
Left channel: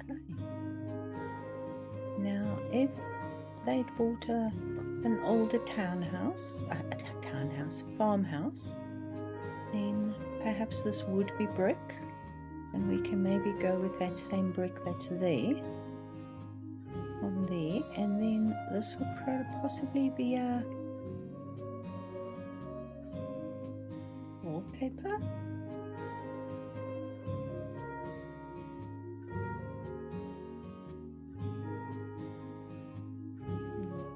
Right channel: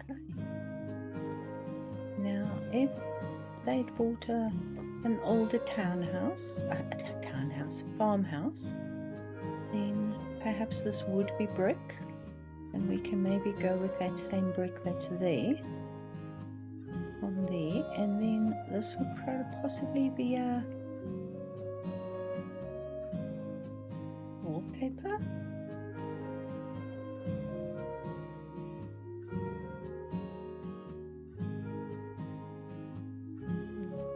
Okay. Now, if they'd bought an older farmhouse, then perhaps this would be brick, and we can maybe go with that same brick that's there, on there, and then this would possibly be a wallpaper.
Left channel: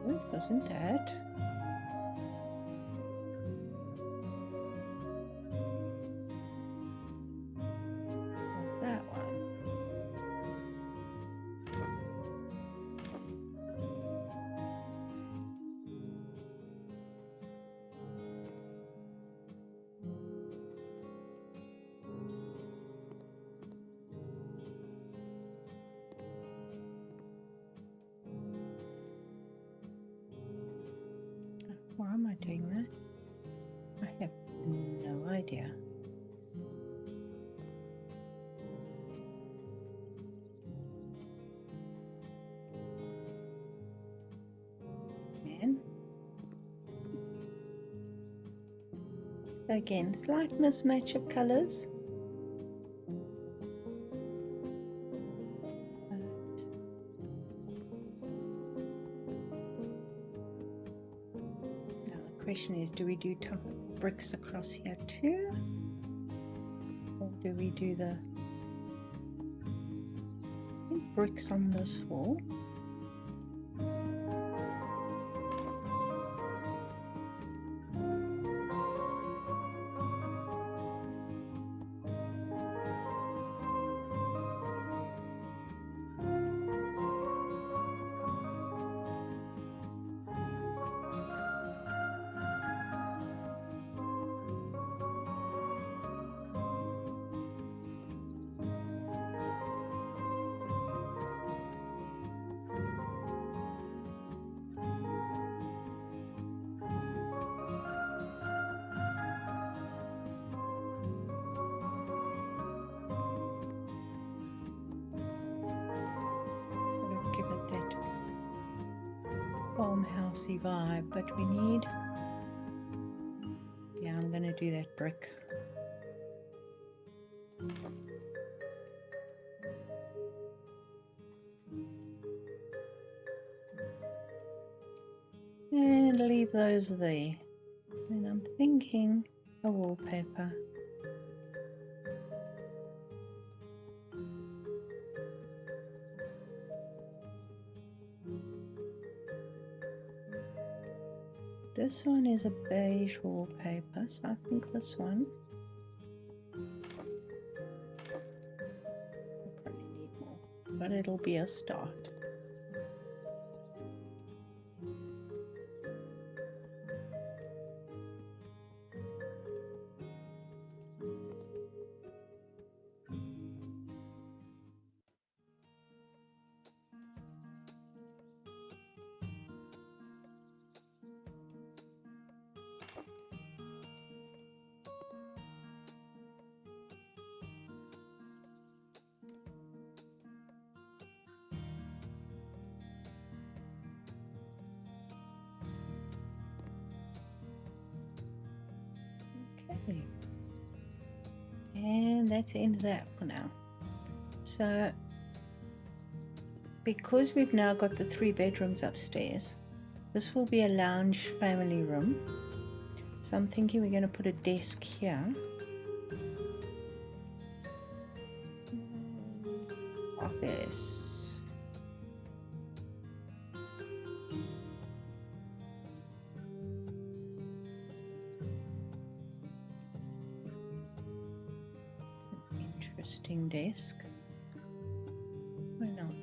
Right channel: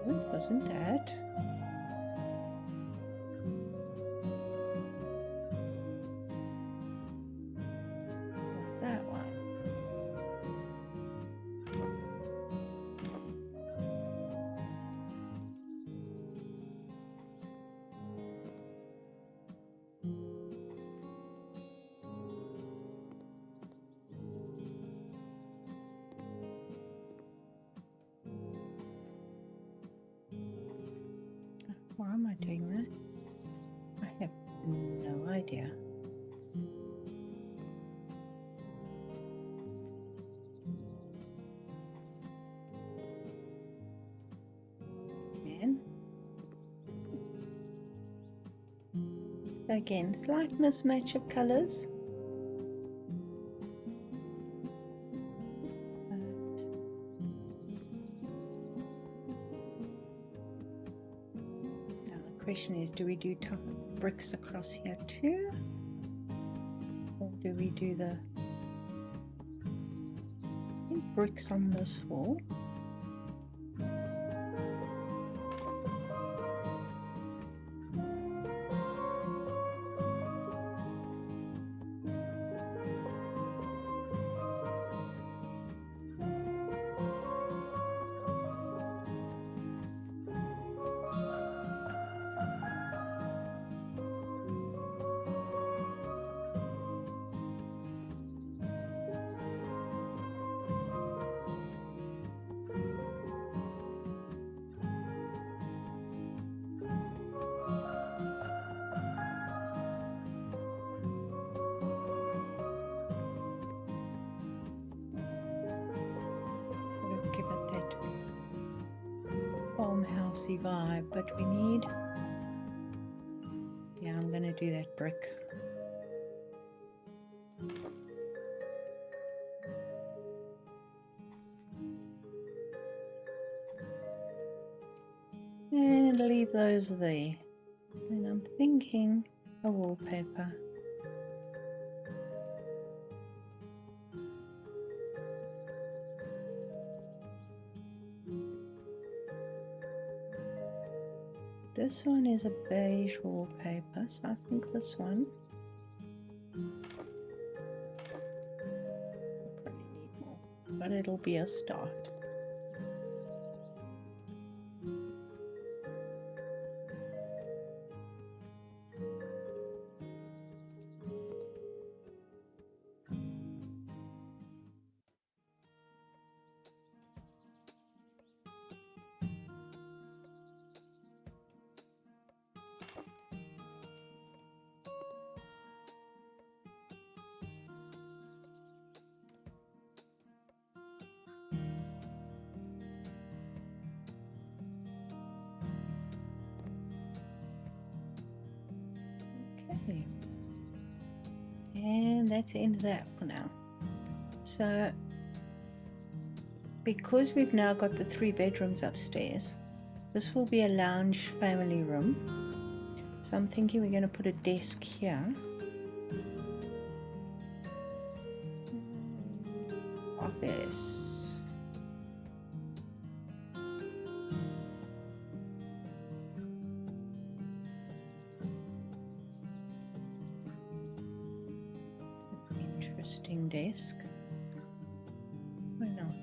No, it wasn't that. That one. Why am I doing that? I have no idea. Again, slight mismatch of colors. Now the question is, do we do bricks across here too? Or do we do the bricks on this wall? farmhousey vibe, but we need, yeah, I'm gonna do that brick. And leave those there. And I'm thinking a wallpaper. This one is a beige wallpaper, so I think this one. We'll probably need more, but it'll be a start. Okay, and that's the end of that for now. So because we've now got the 3 bedrooms upstairs, this will be a lounge family room. So I'm thinking we're going to put a desk here. Office. Interesting desk. Why not?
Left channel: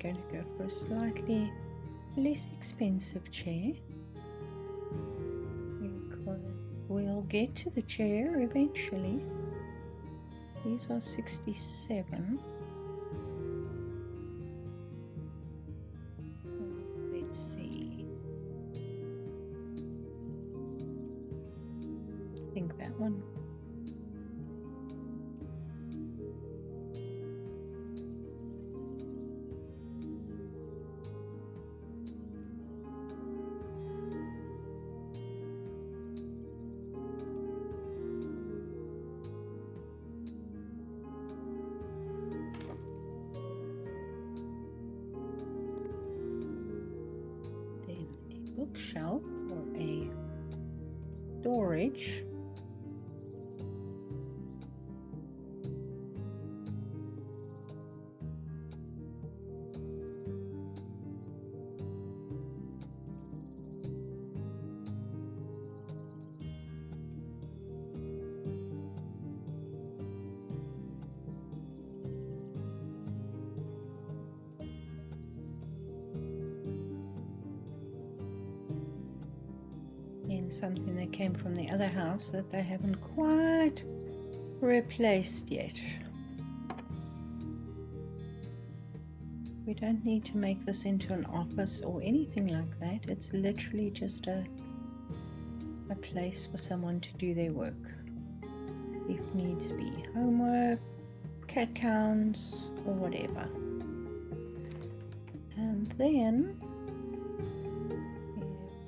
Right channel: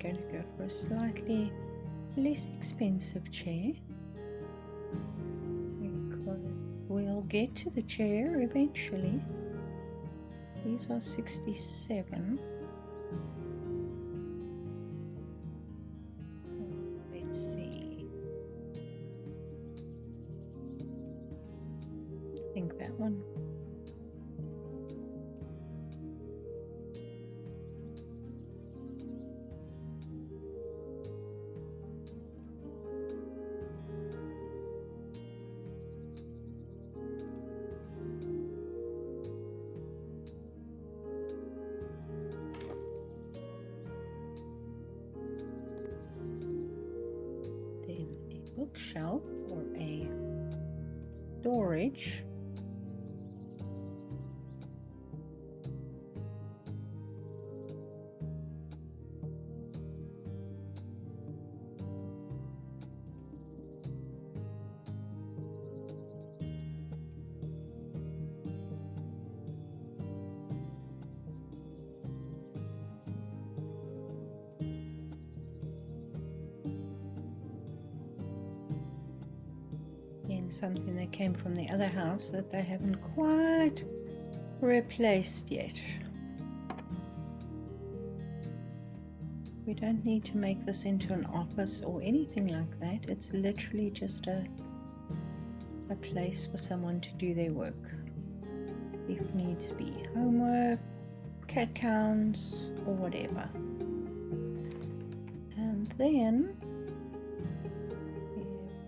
Going to go for a slightly less expensive chair, because we'll get to the chair eventually. These are 67. Let's see. I think that one. Bookshelf or a storage. And something that came from the other house that they haven't quite replaced yet. We don't need to make this into an office or anything like that. It's literally just a place for someone to do their work, if needs be, homework, cat counts, or whatever. And then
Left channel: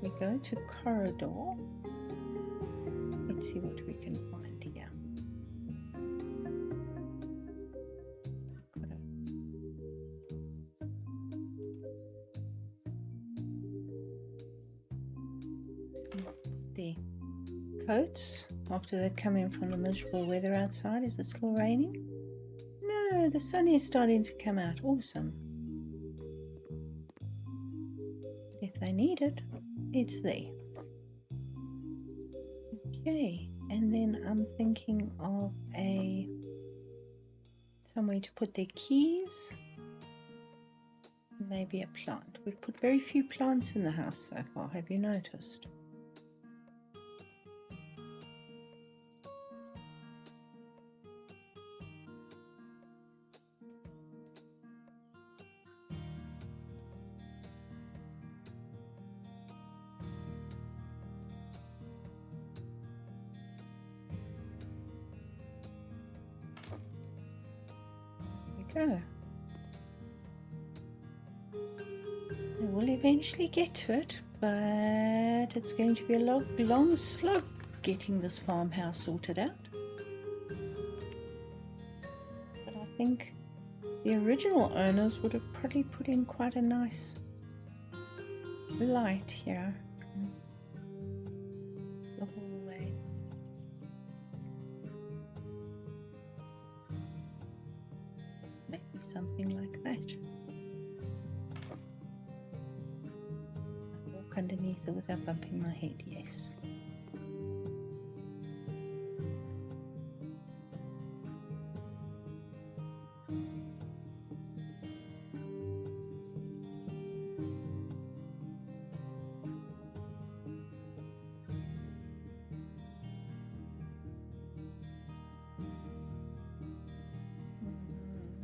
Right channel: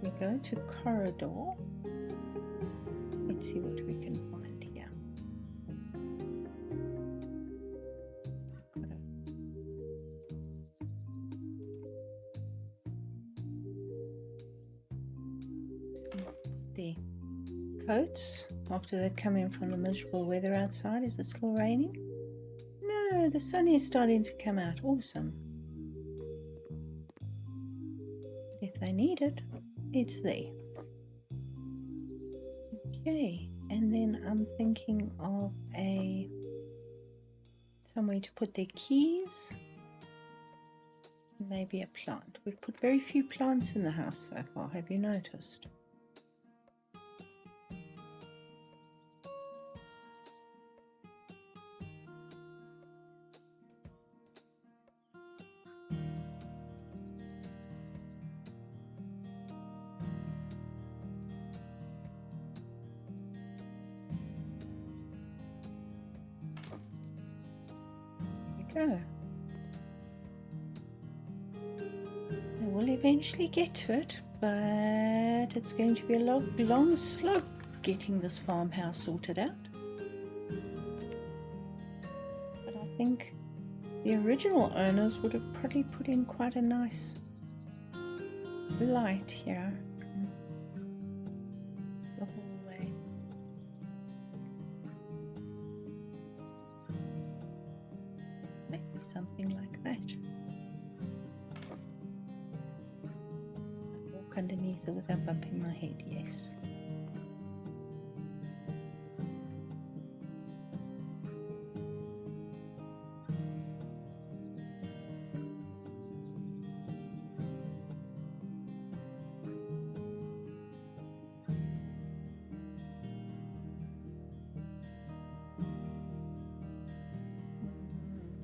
we go to corridor. Let's see what we can find here. The coats after they come in from the miserable weather outside. Is it still raining? No, the sun is starting to come out. Awesome. If they need it, it's there. Okay, and then I'm thinking of somewhere to put their keys. Maybe a plant. We've put very few plants in the house so far, have you noticed? go. They will eventually get to it, but it's going to be a long slog getting this farmhouse sorted out. But I think the original owners would have probably put in quite a nice light here the hallway. Maybe something like that. I walk underneath it without bumping my head, yes.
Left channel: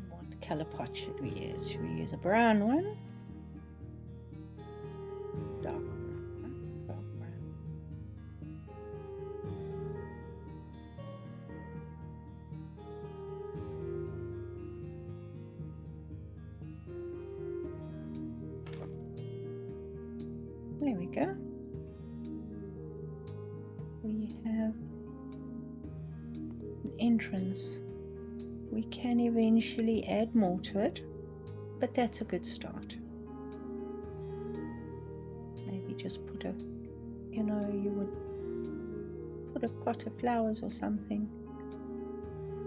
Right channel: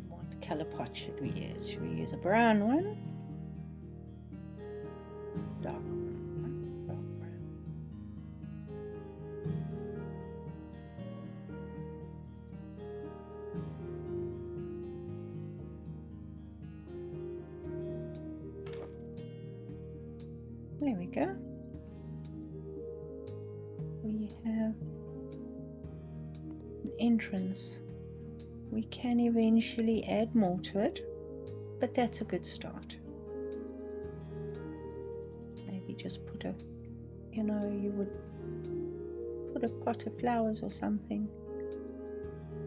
What color pot should we use? Should we use a brown one? Dark brown. Dark brown. There we go. We have an entrance. We can eventually add more to it, but that's a good start. Maybe just put a, you know, you would put a pot of flowers or something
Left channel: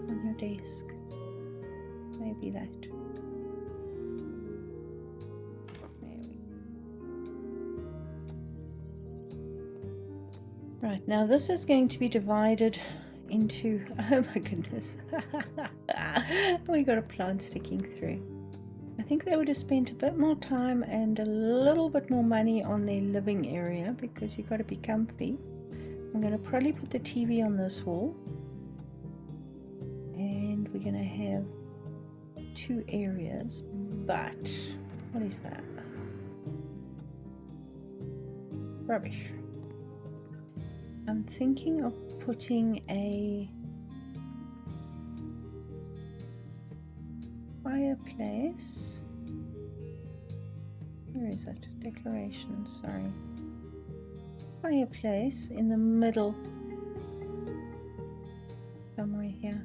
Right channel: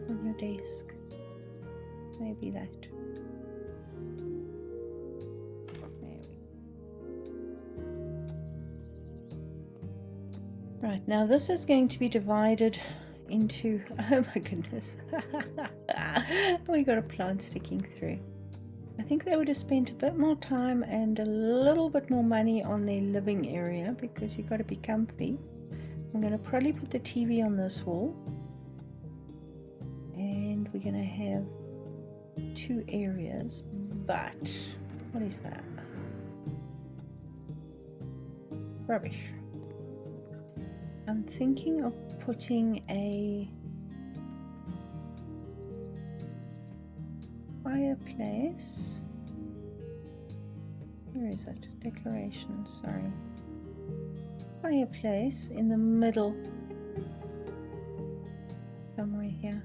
on your desk. Maybe that. There we go. Right, now this is going to be divided into, oh my goodness, we got a plant sticking through. I think they would have spent a bit more time and a little bit more money on their living area because you've got to be comfy. I'm going to probably put the TV on this wall, and we're going to have 2 areas, but what is that? Rubbish. I'm thinking of putting a fireplace. Where is it? Decorations, sorry. Fireplace in the middle. Somewhere here.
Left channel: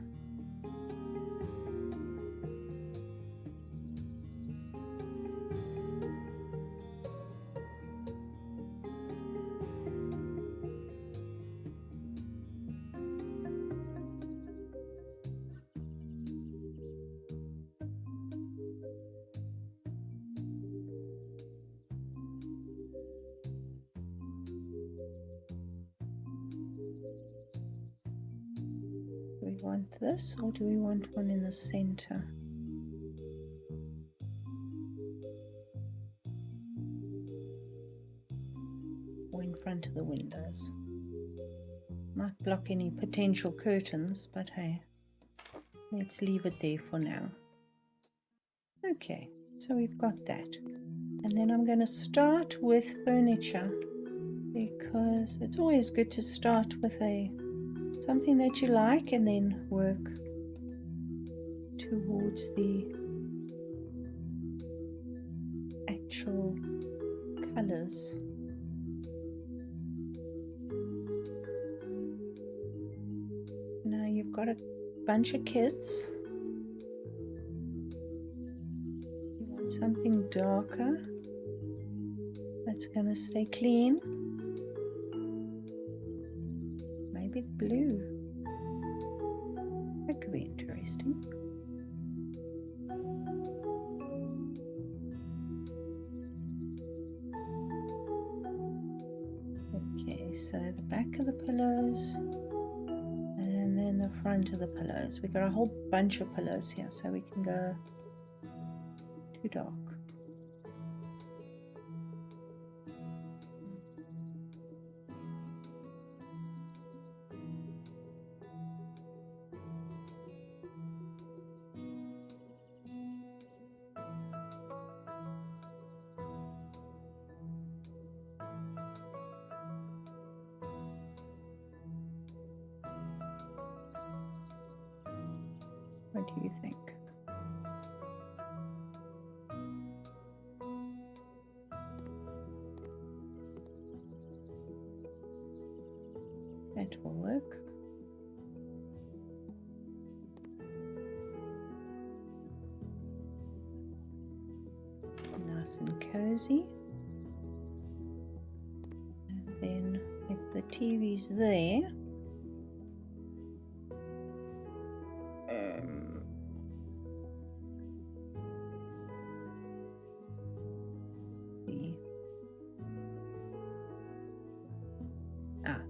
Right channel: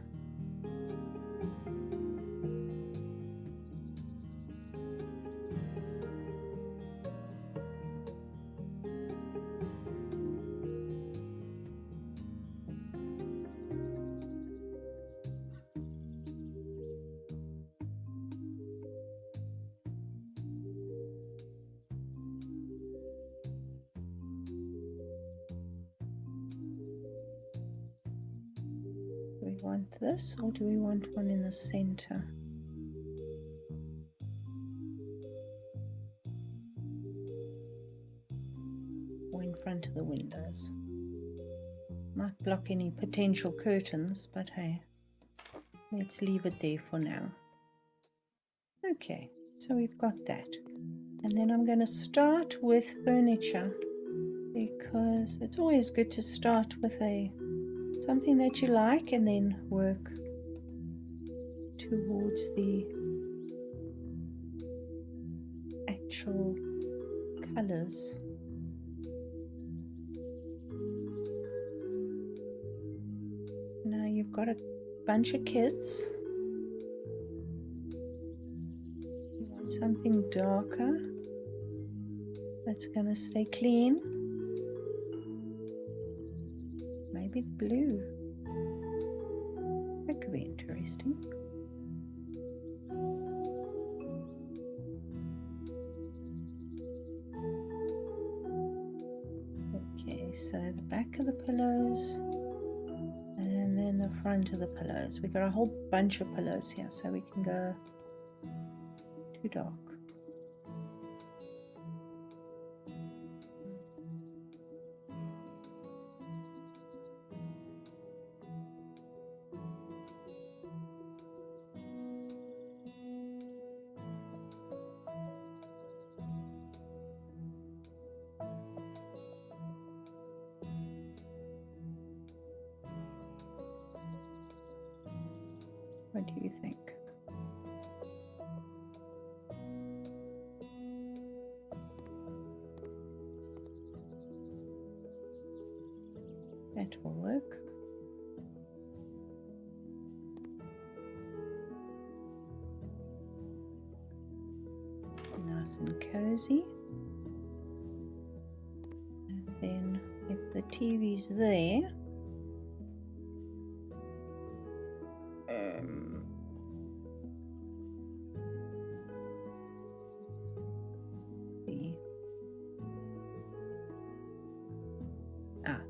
Do we want this, or do we want one in the center? Or in front of the windows? Might block any potential curtains, but hey, let's leave it there for now. Okay, so we've got that. And then I'm going to start with furniture, because it's always good to start with something that you like and then work towards the actual colors. Now you've got a bunch of kids. You want something darker that's going to stay clean. Maybe blue. That could be interesting. Okay, so the back of the pillows and then the front of the pillows. We've got a whole bunch of pillows here, so we can go too dark. What do you think? That will work. Nice and cozy. And then if the TV's there,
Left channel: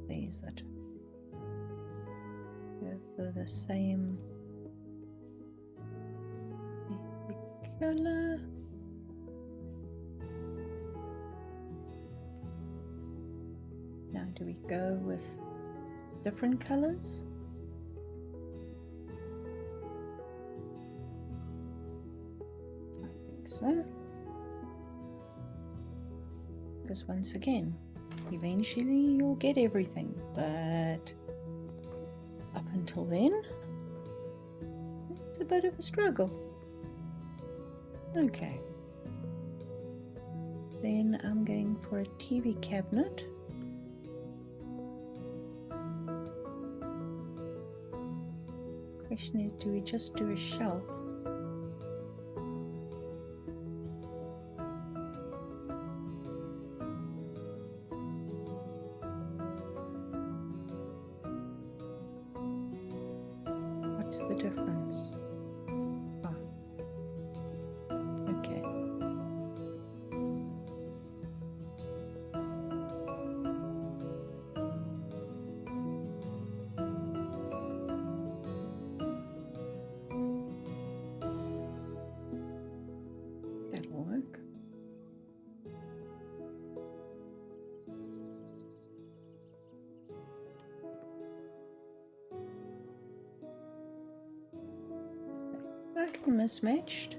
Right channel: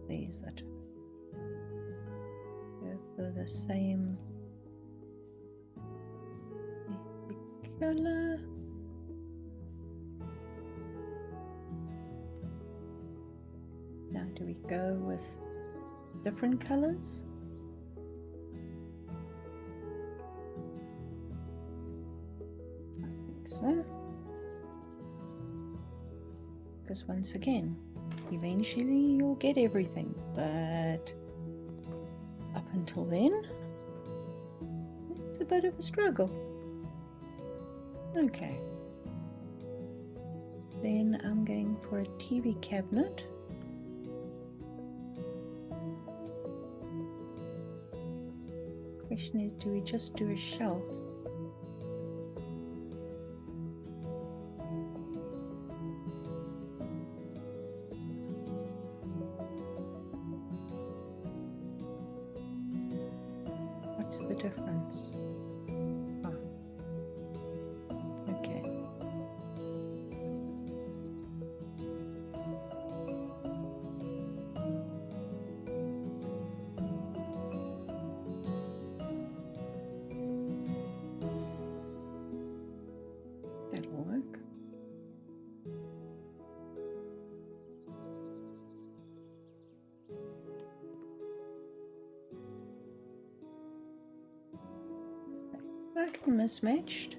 there's it. Go for the same color. Now do we go with different colors? I think so. Because once again, eventually you'll get everything, but up until then, it's a bit of a struggle. Okay. Then I'm going for a TV cabinet. Question is, do we just do a shelf? What's the difference? Oh. Okay. That'll work. Slightly mismatched.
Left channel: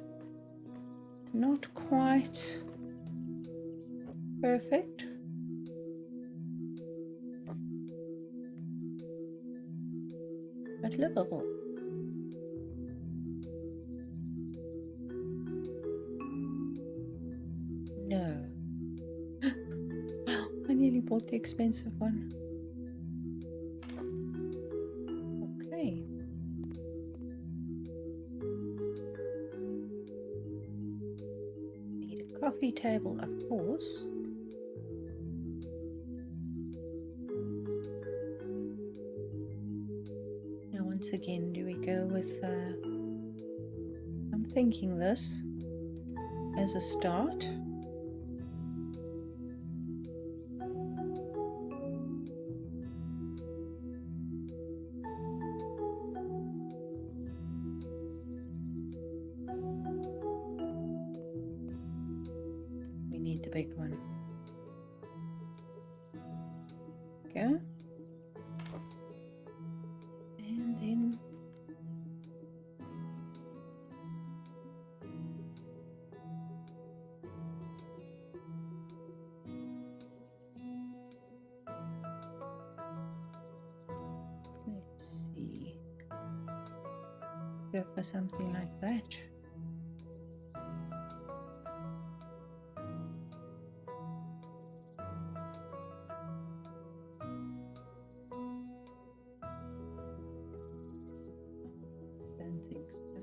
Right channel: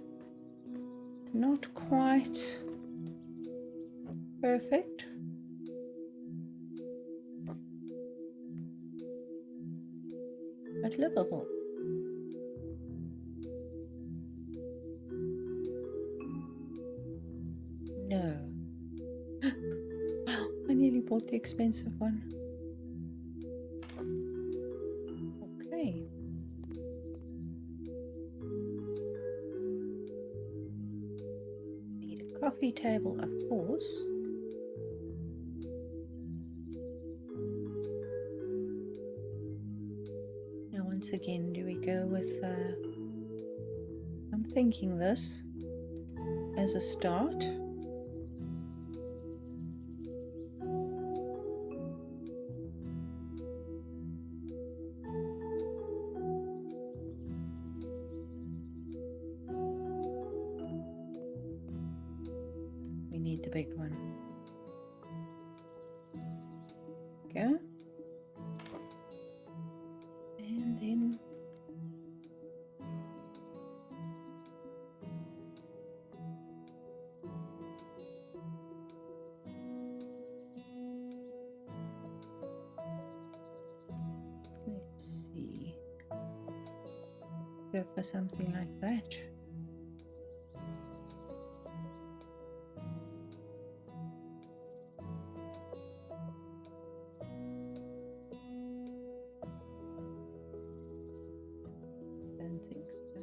Not quite perfect. But livable. No. Wow, I nearly bought the expensive one. Okay. Need a coffee table, of course. Now once again, do we go with I'm thinking this as a start. We need the big one. Go. And then let's see. Go for something like that. Don't think so.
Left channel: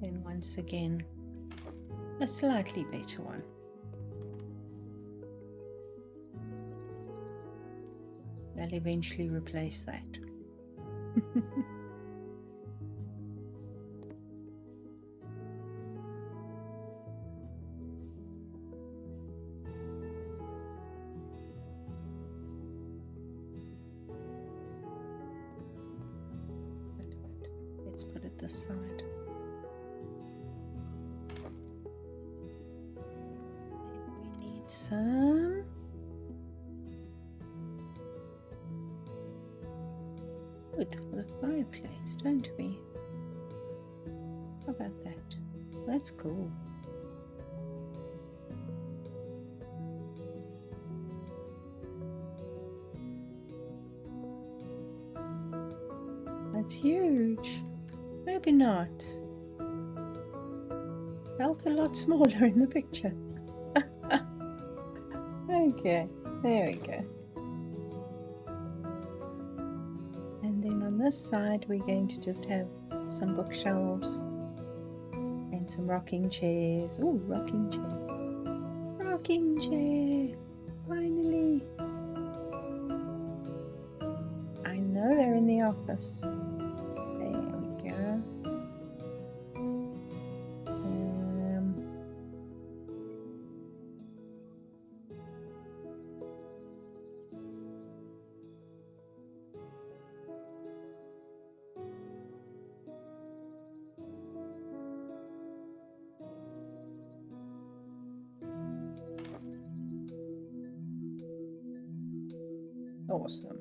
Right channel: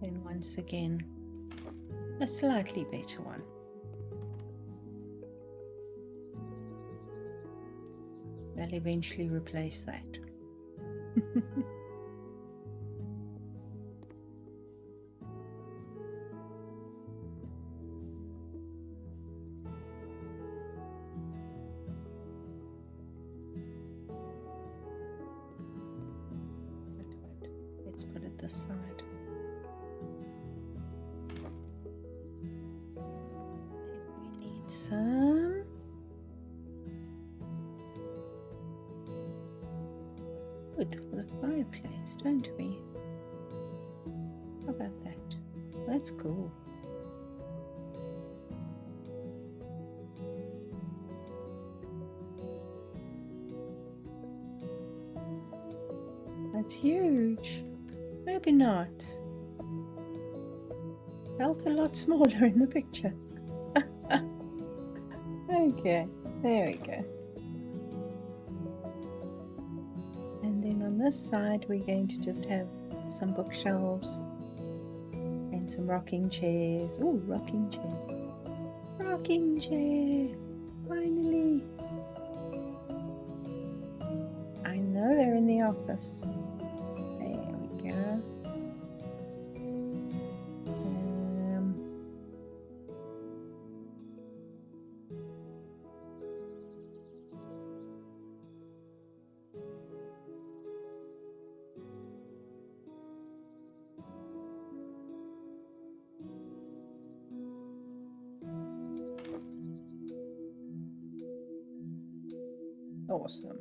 Then once again, a slightly better one. They'll eventually replace that. Let's put it this side. Then we need some wood for the fireplace, don't we? How about that? That's cool. That's huge. Maybe not. Felt a lot smaller in the picture. Okay, there we go. And then on this side we're going to just have some bookshelves and some rocking chairs. Ooh, rocking chair. Rocking chair. Finally. I know they're in the office. There we go. Awesome.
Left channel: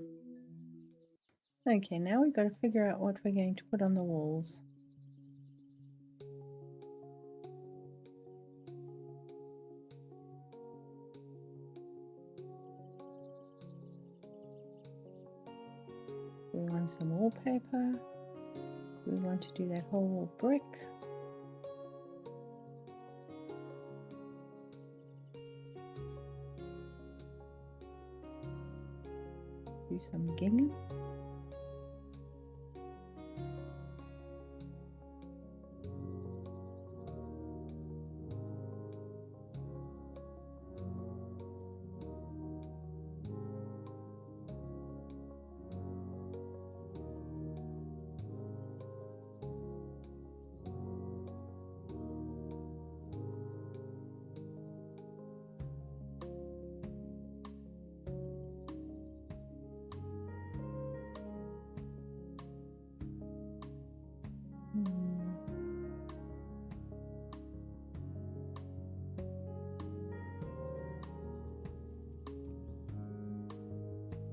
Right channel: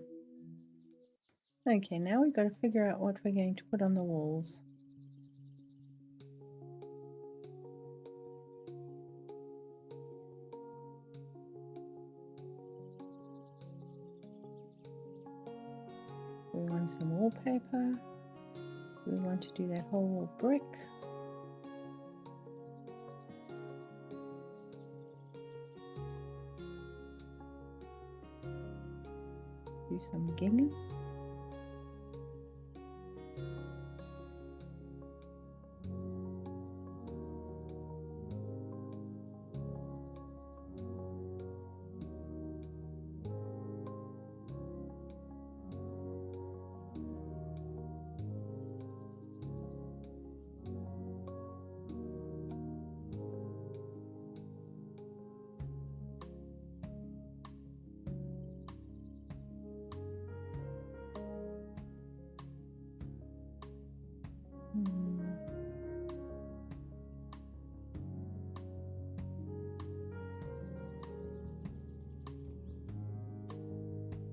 Okay, now we've got to figure out what we're going to put on the walls. We want some wallpaper. We want to do that whole wall brick. Do some gingham.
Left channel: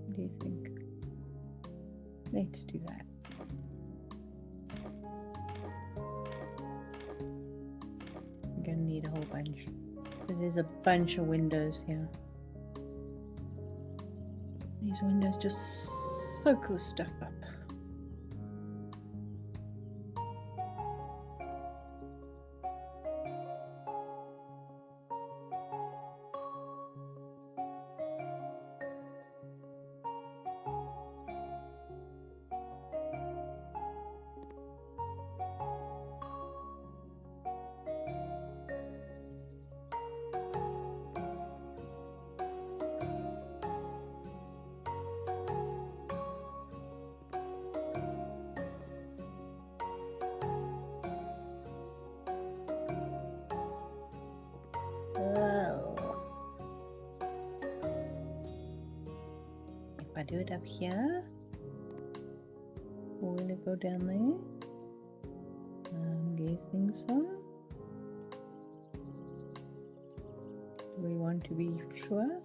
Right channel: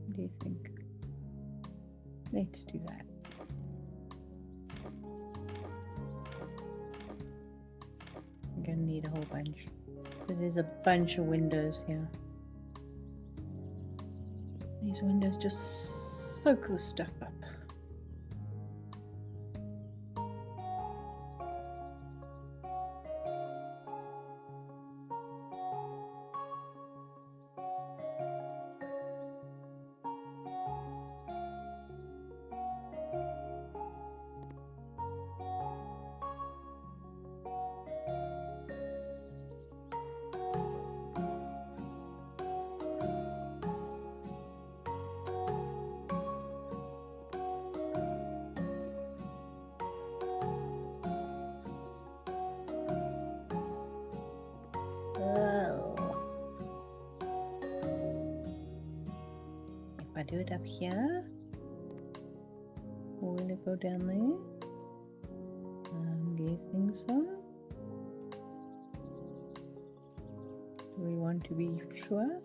What do you think? Let's do that. I'm gonna need a whole bunch. Because there's a bunch of windows here. These windows just soak the stuff up. If I do it up here, will it go down there? I'm guessing so. Do we want to be sure?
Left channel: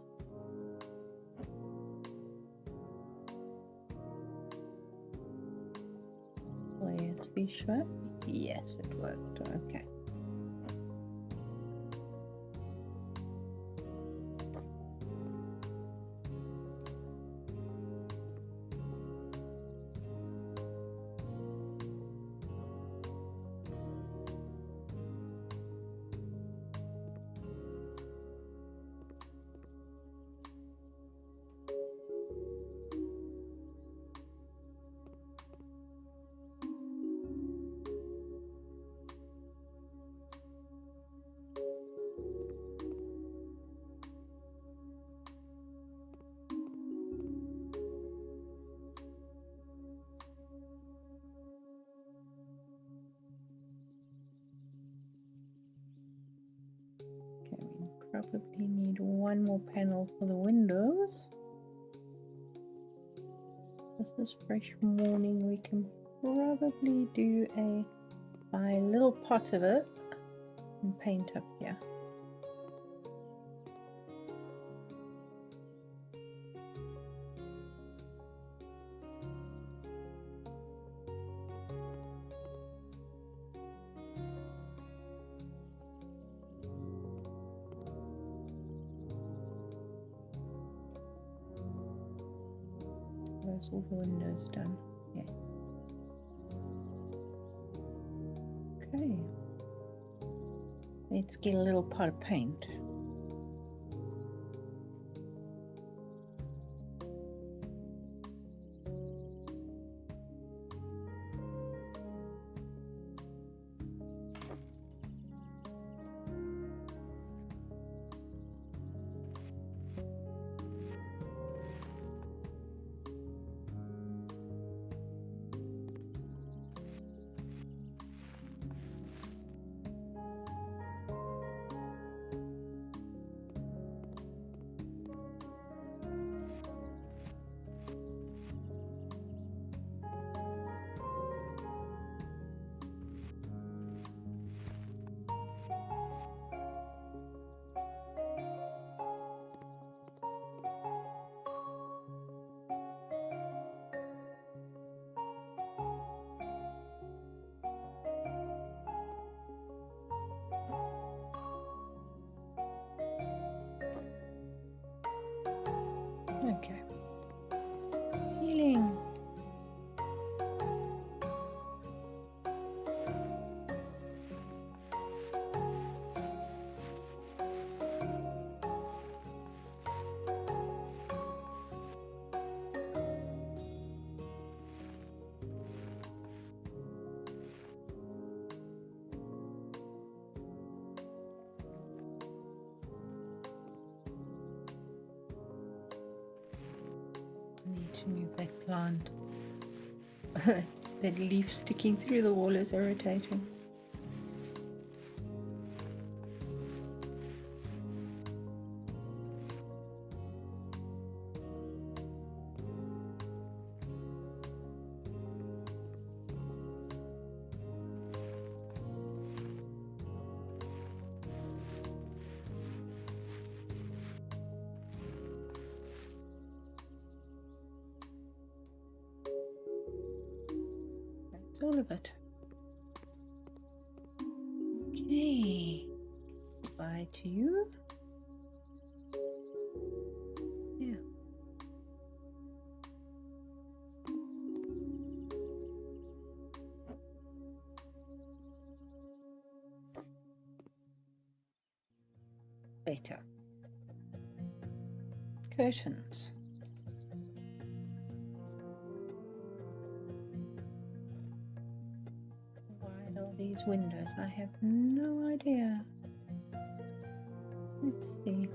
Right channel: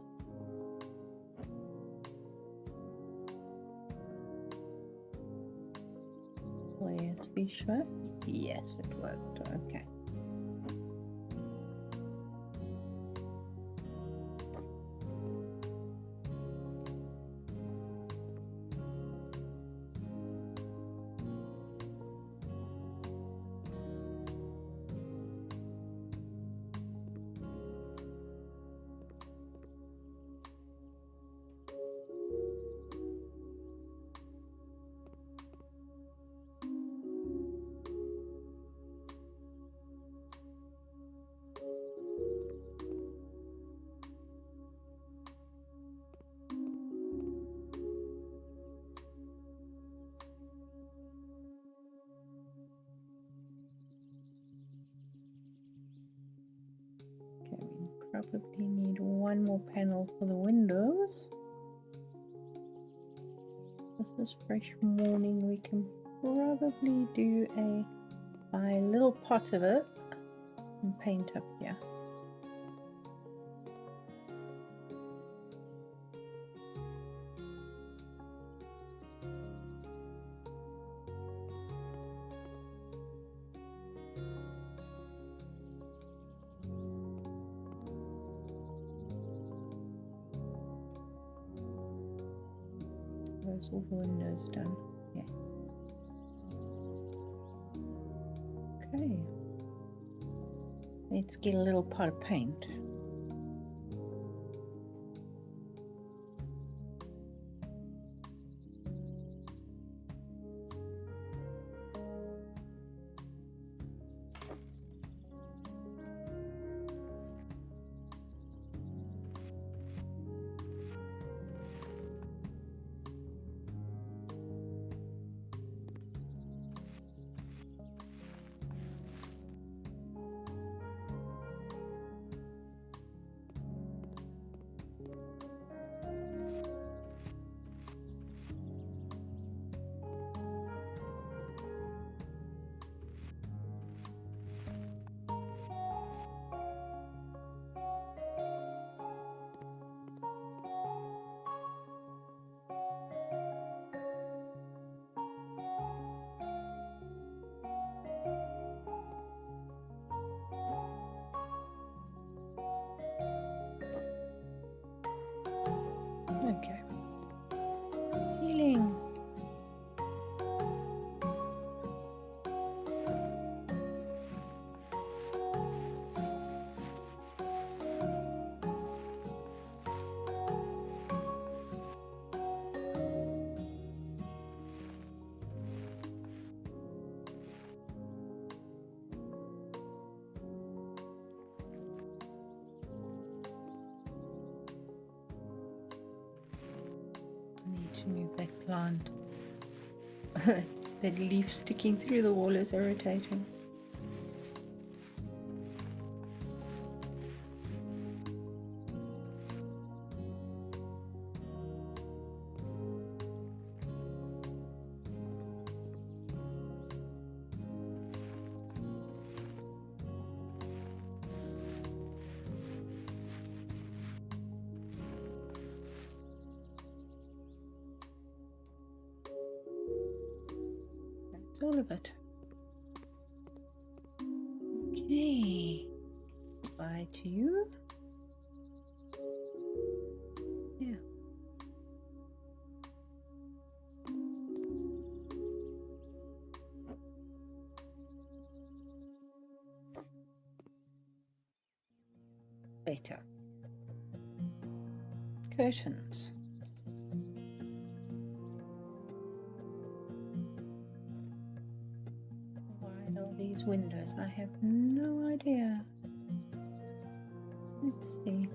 Let's be sure. Yes, it worked. Okay. Probably need one more panel for the windows. This is fresh morning. We can probably do buy a little pot of it and paint up here. Where's all the windows done? Yeah. Okay. Let's get a little pot of paint. Okay. Ceiling. I need to move that plant. That leaf sticking through the wall is irritating. That's all of it. Okay. Bye to you. Yeah. Better. Curtains. Wide are these windows? I have no idea. Let's see.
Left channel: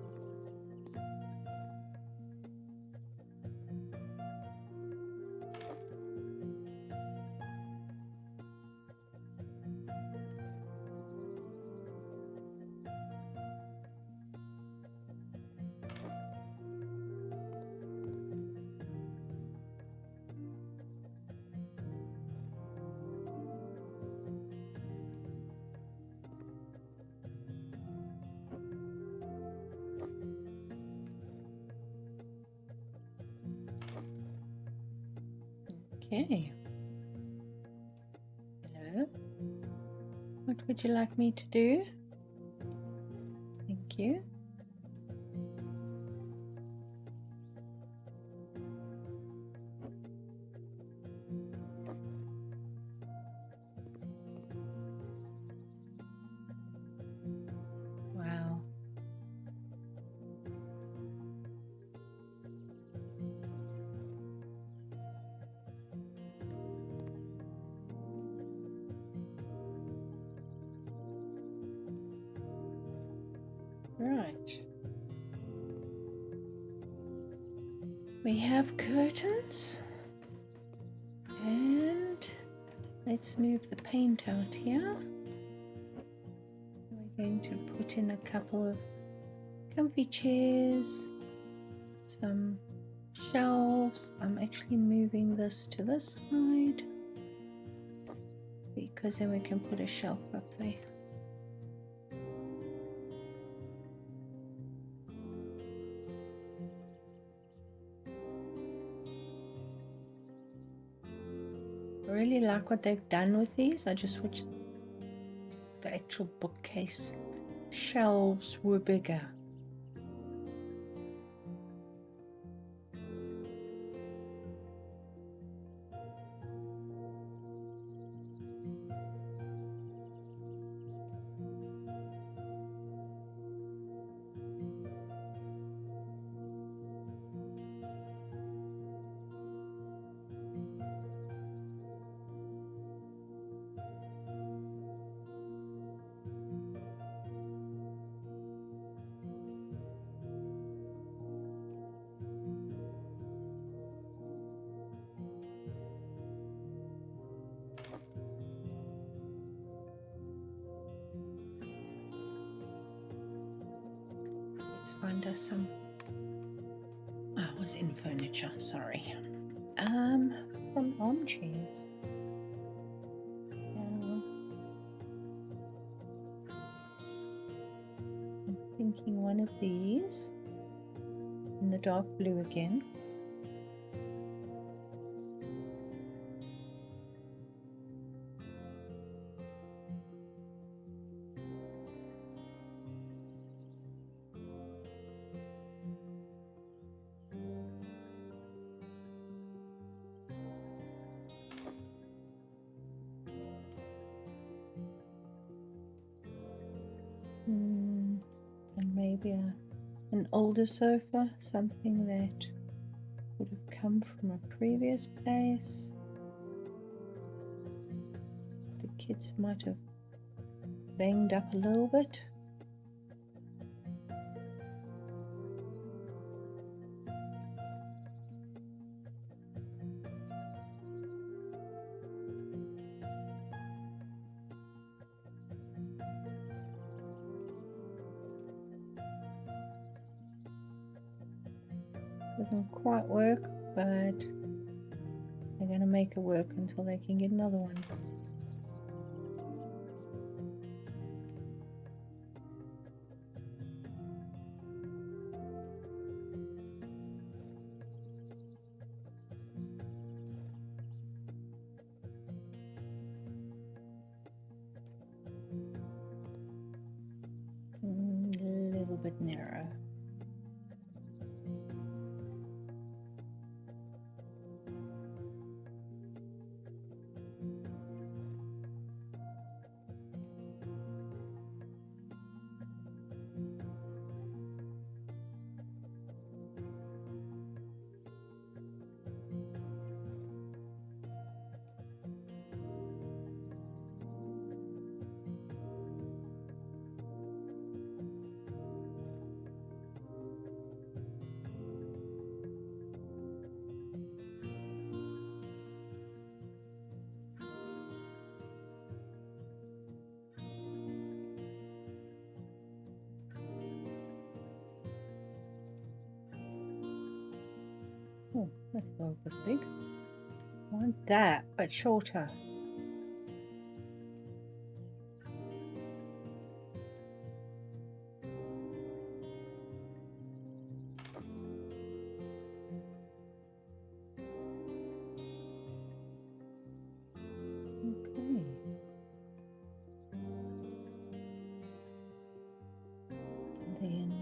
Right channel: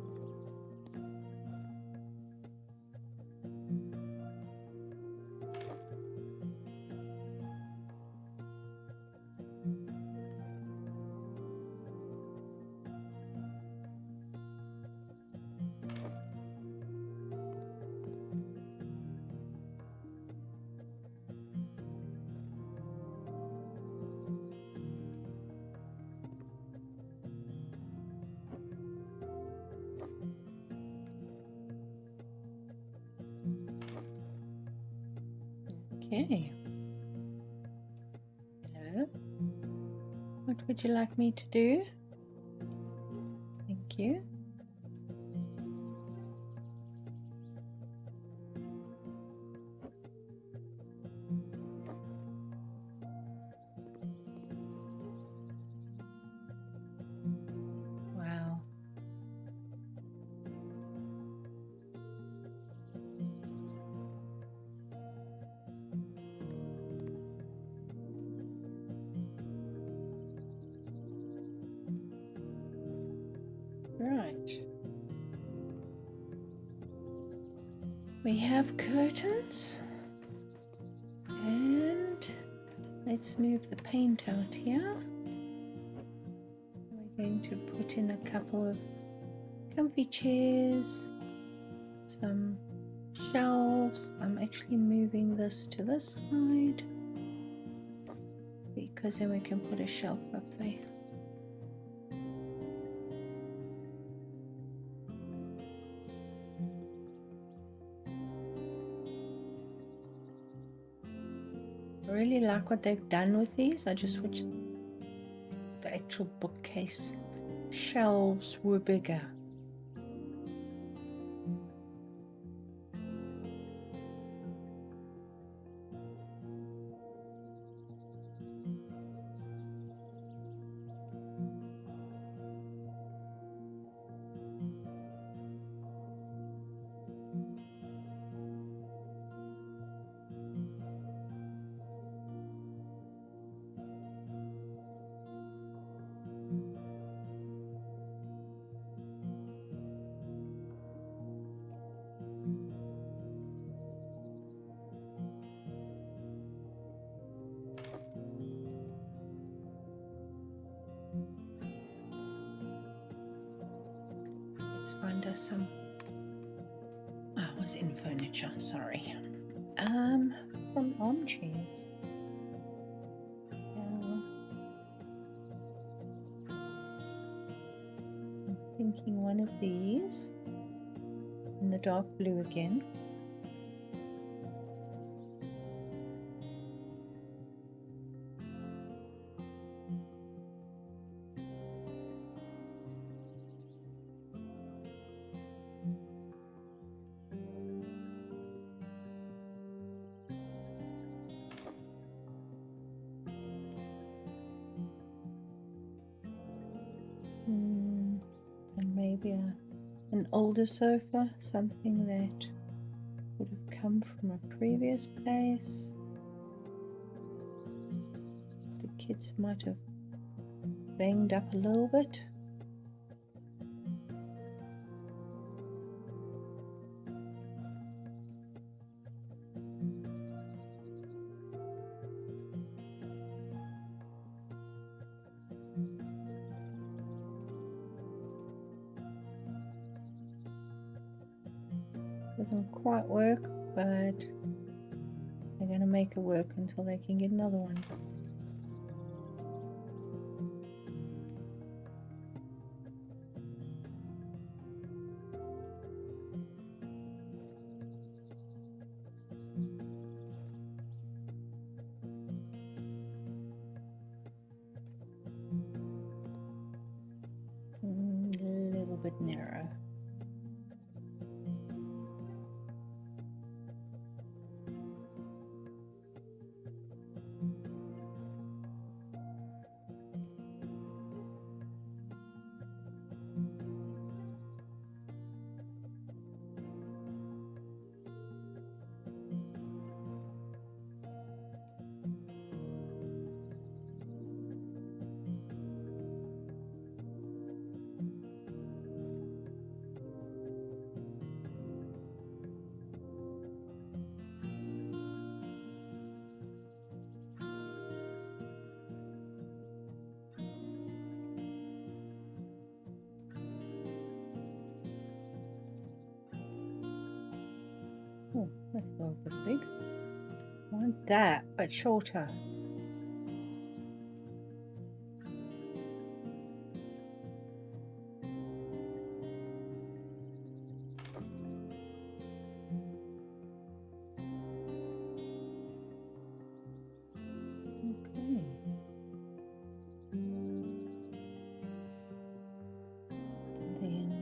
Okay. Hello. What would you like me to do? Thank you. Wow. Right. We have curtains. And let's move the paint out here. We're going to put in a couple of comfy chairs, some shelves. I'm actually moving this to this side because then we can put a shelf up there. I really like what they've done with these. I just wish the actual bookcase shelves were bigger. Let's find us some. I was in furniture, sorry. Some armchairs. I'm thinking one of these in the dark blue again. And maybe an older sofa, something that would have come from a previous place. The kids might have banged up a little bit. Doesn't quite work, but they're going to make it work until they can get another one. A little bit narrow. Oh, that's a little bit big. I want that, but shorter. Okay. Then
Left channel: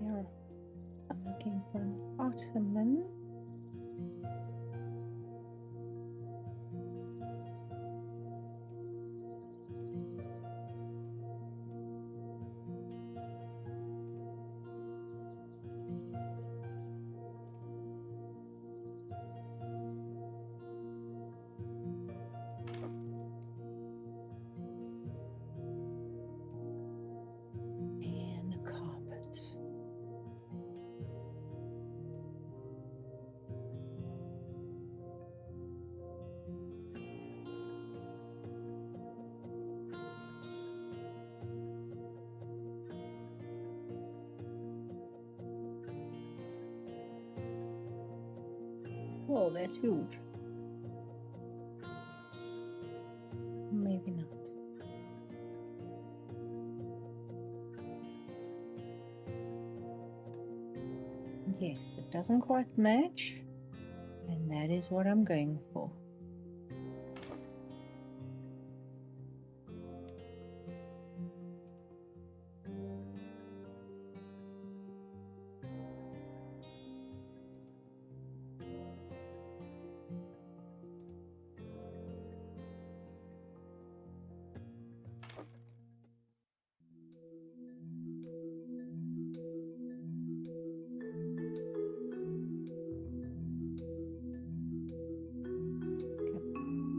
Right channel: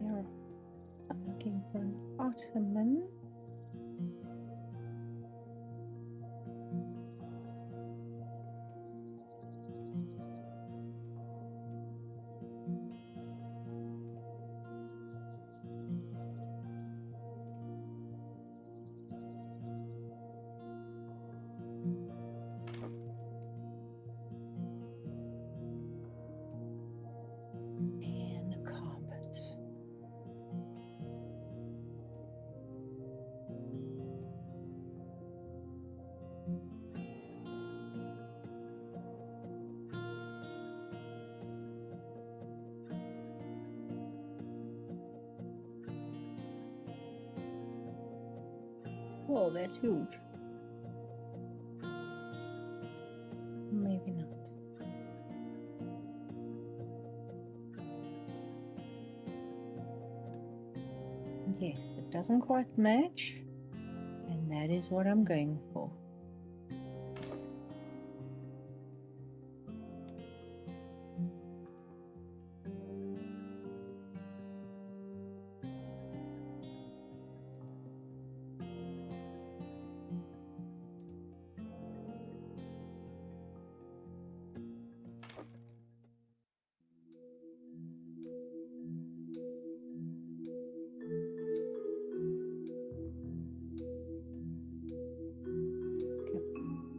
here I'm looking for an ottoman. And a carpet. Whoa, that's huge. Maybe not. Yes, it doesn't quite match, and that is what I'm going for.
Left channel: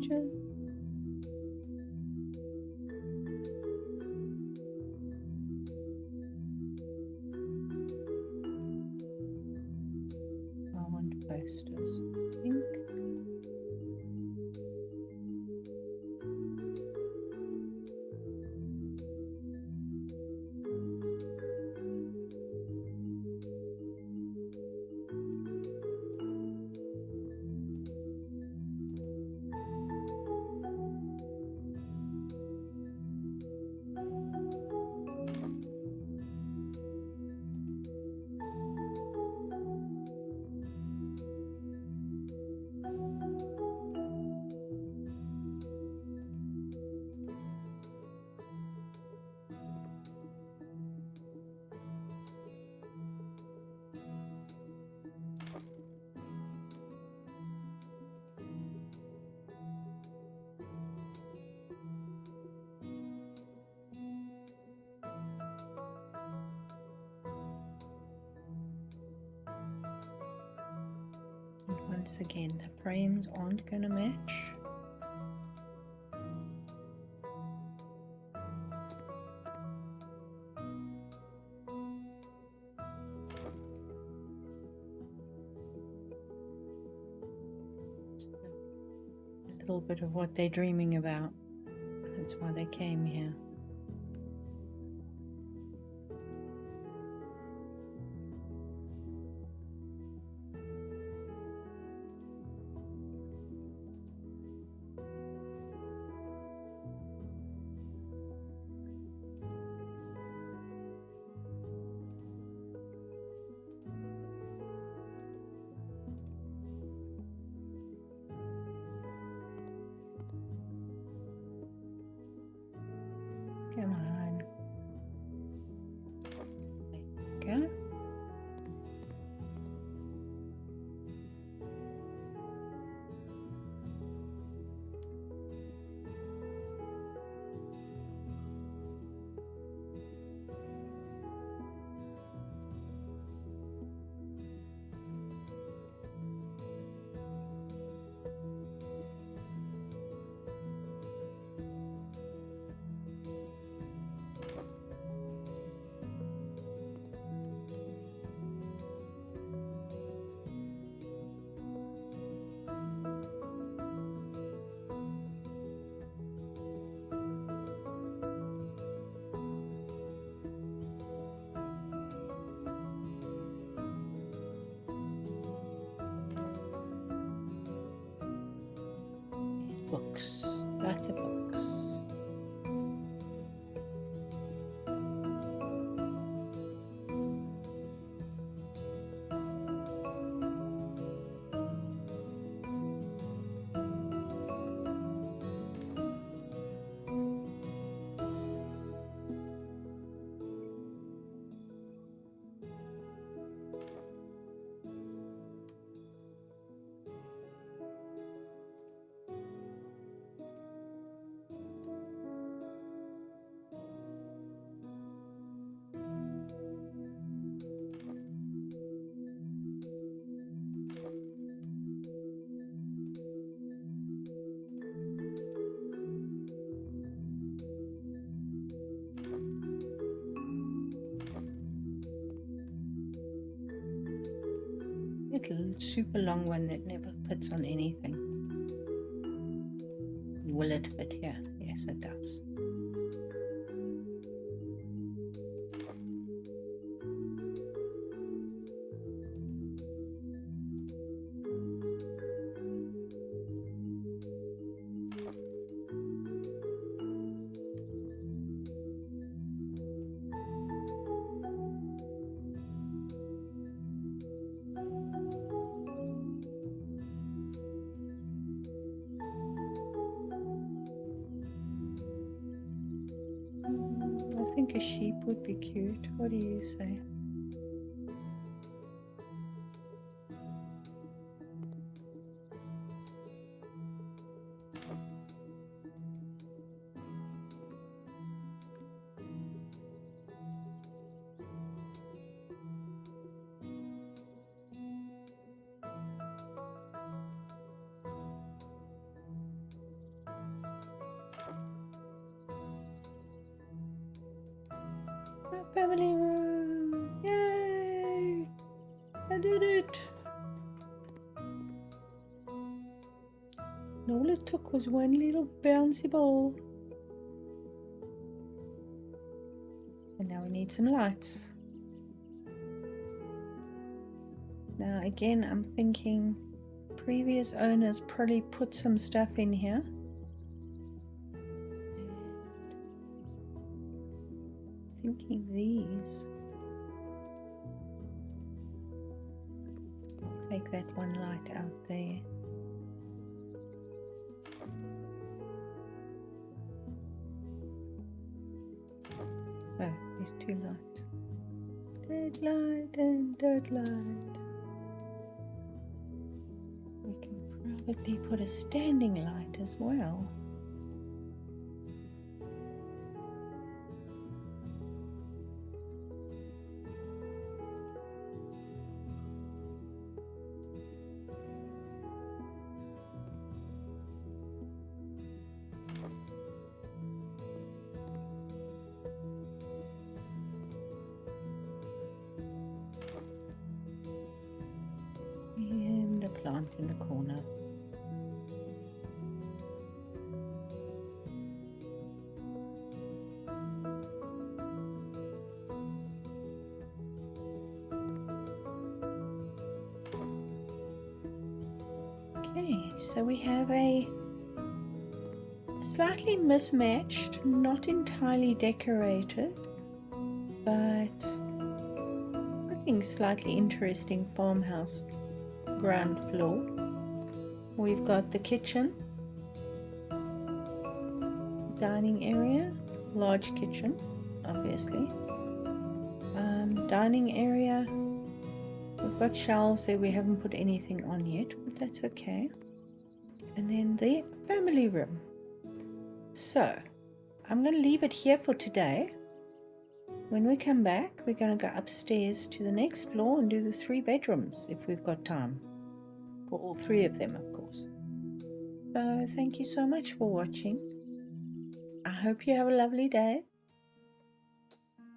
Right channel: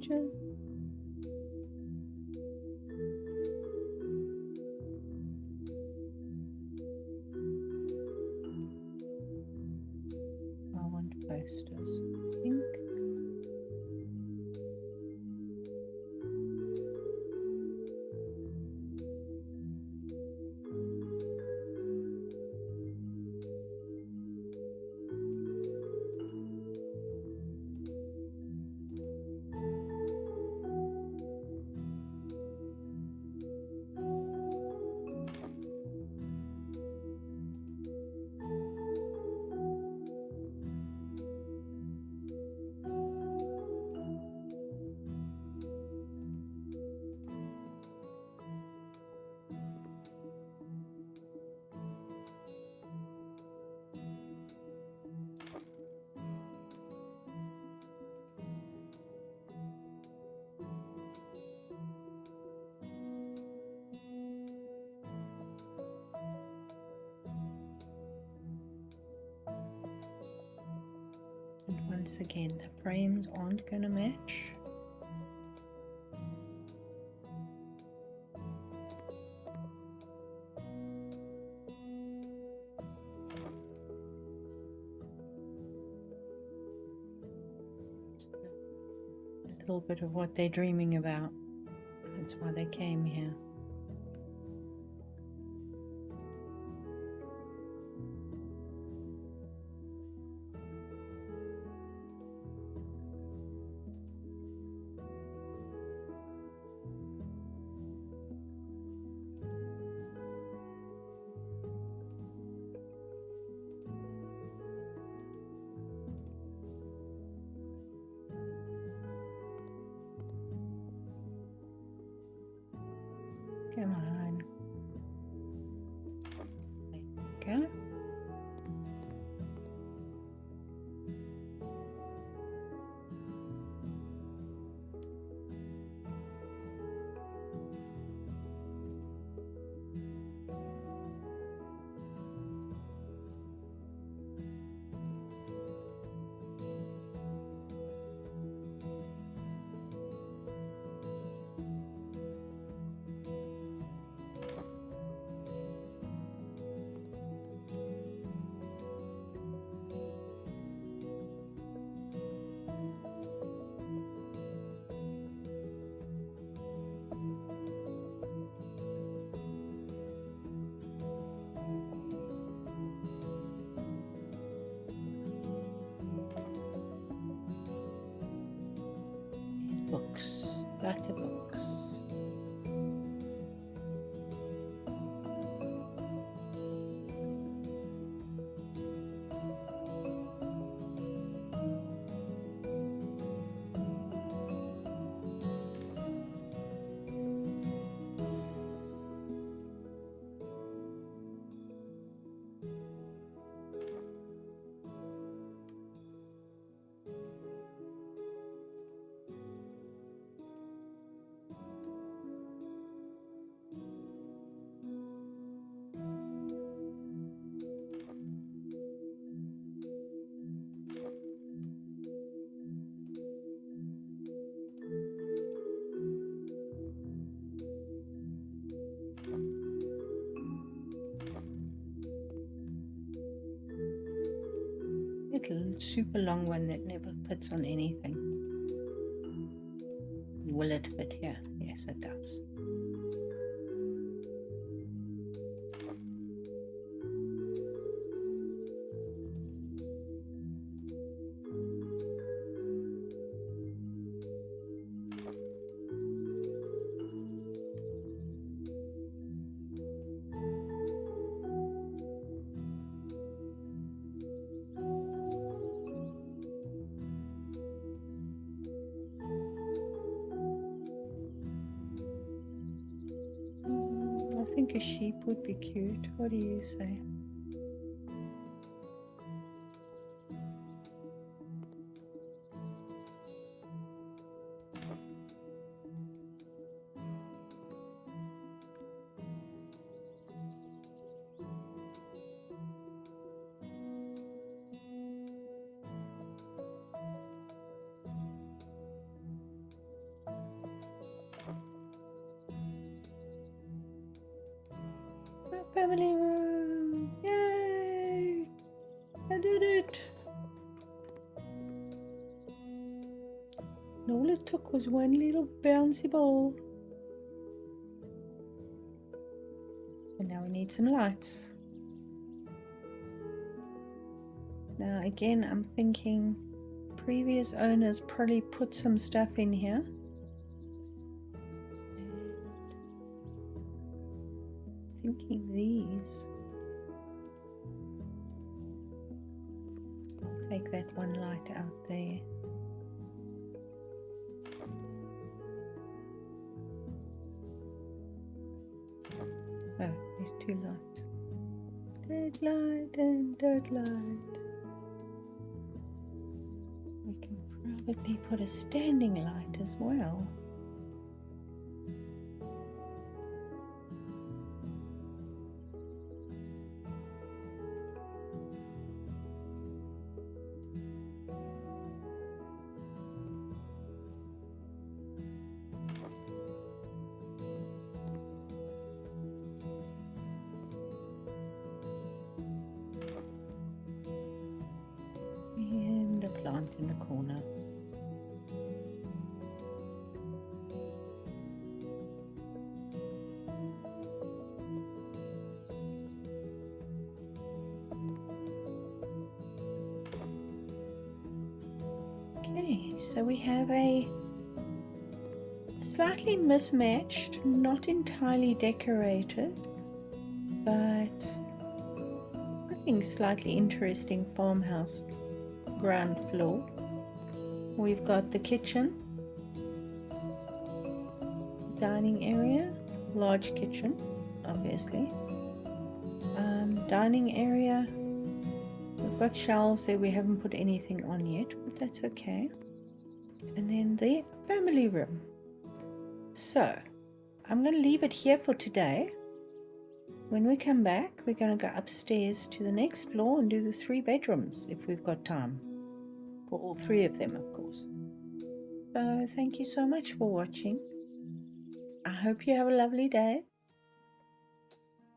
Capture. I want posters, I think. And once again, the frames aren't going to match. A little bit of what they're dreaming about. That's why they came here. Come on. There you go. Books, lots of books. Little super long one that never fits on anything. Will it fit here? Yes, it does. I think a sheep would be cute. What do you say? Family room! Yay! I did it! And all it took was one little bouncy ball. And now we need some lights. Now again, I'm thinking previous owners probably put some stuff in here. Thinking these. I'll take that one light out there. Oh, there's two lights. Dead light and dead light. We can probably put a standing light as well. plant in the corner. Okay, so we have a slightly mismatched, not entirely decorated, but I think slightly interesting farmhouse ground floor. We've got the kitchen, dining area, large kitchen, obviously. Dining area, we've got shelves there we haven't put anything on yet, but that's okay. And then the family room. So I'm going to leave it here for today. When we come back, we're going to go upstairs to the next floor and do the 3 bedrooms if we've got time. For all 3 of them, of course. So thank you so much for watching. I hope you have a lovely day.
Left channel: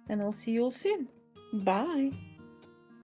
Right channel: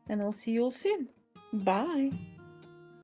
And I'll see you all soon. Bye.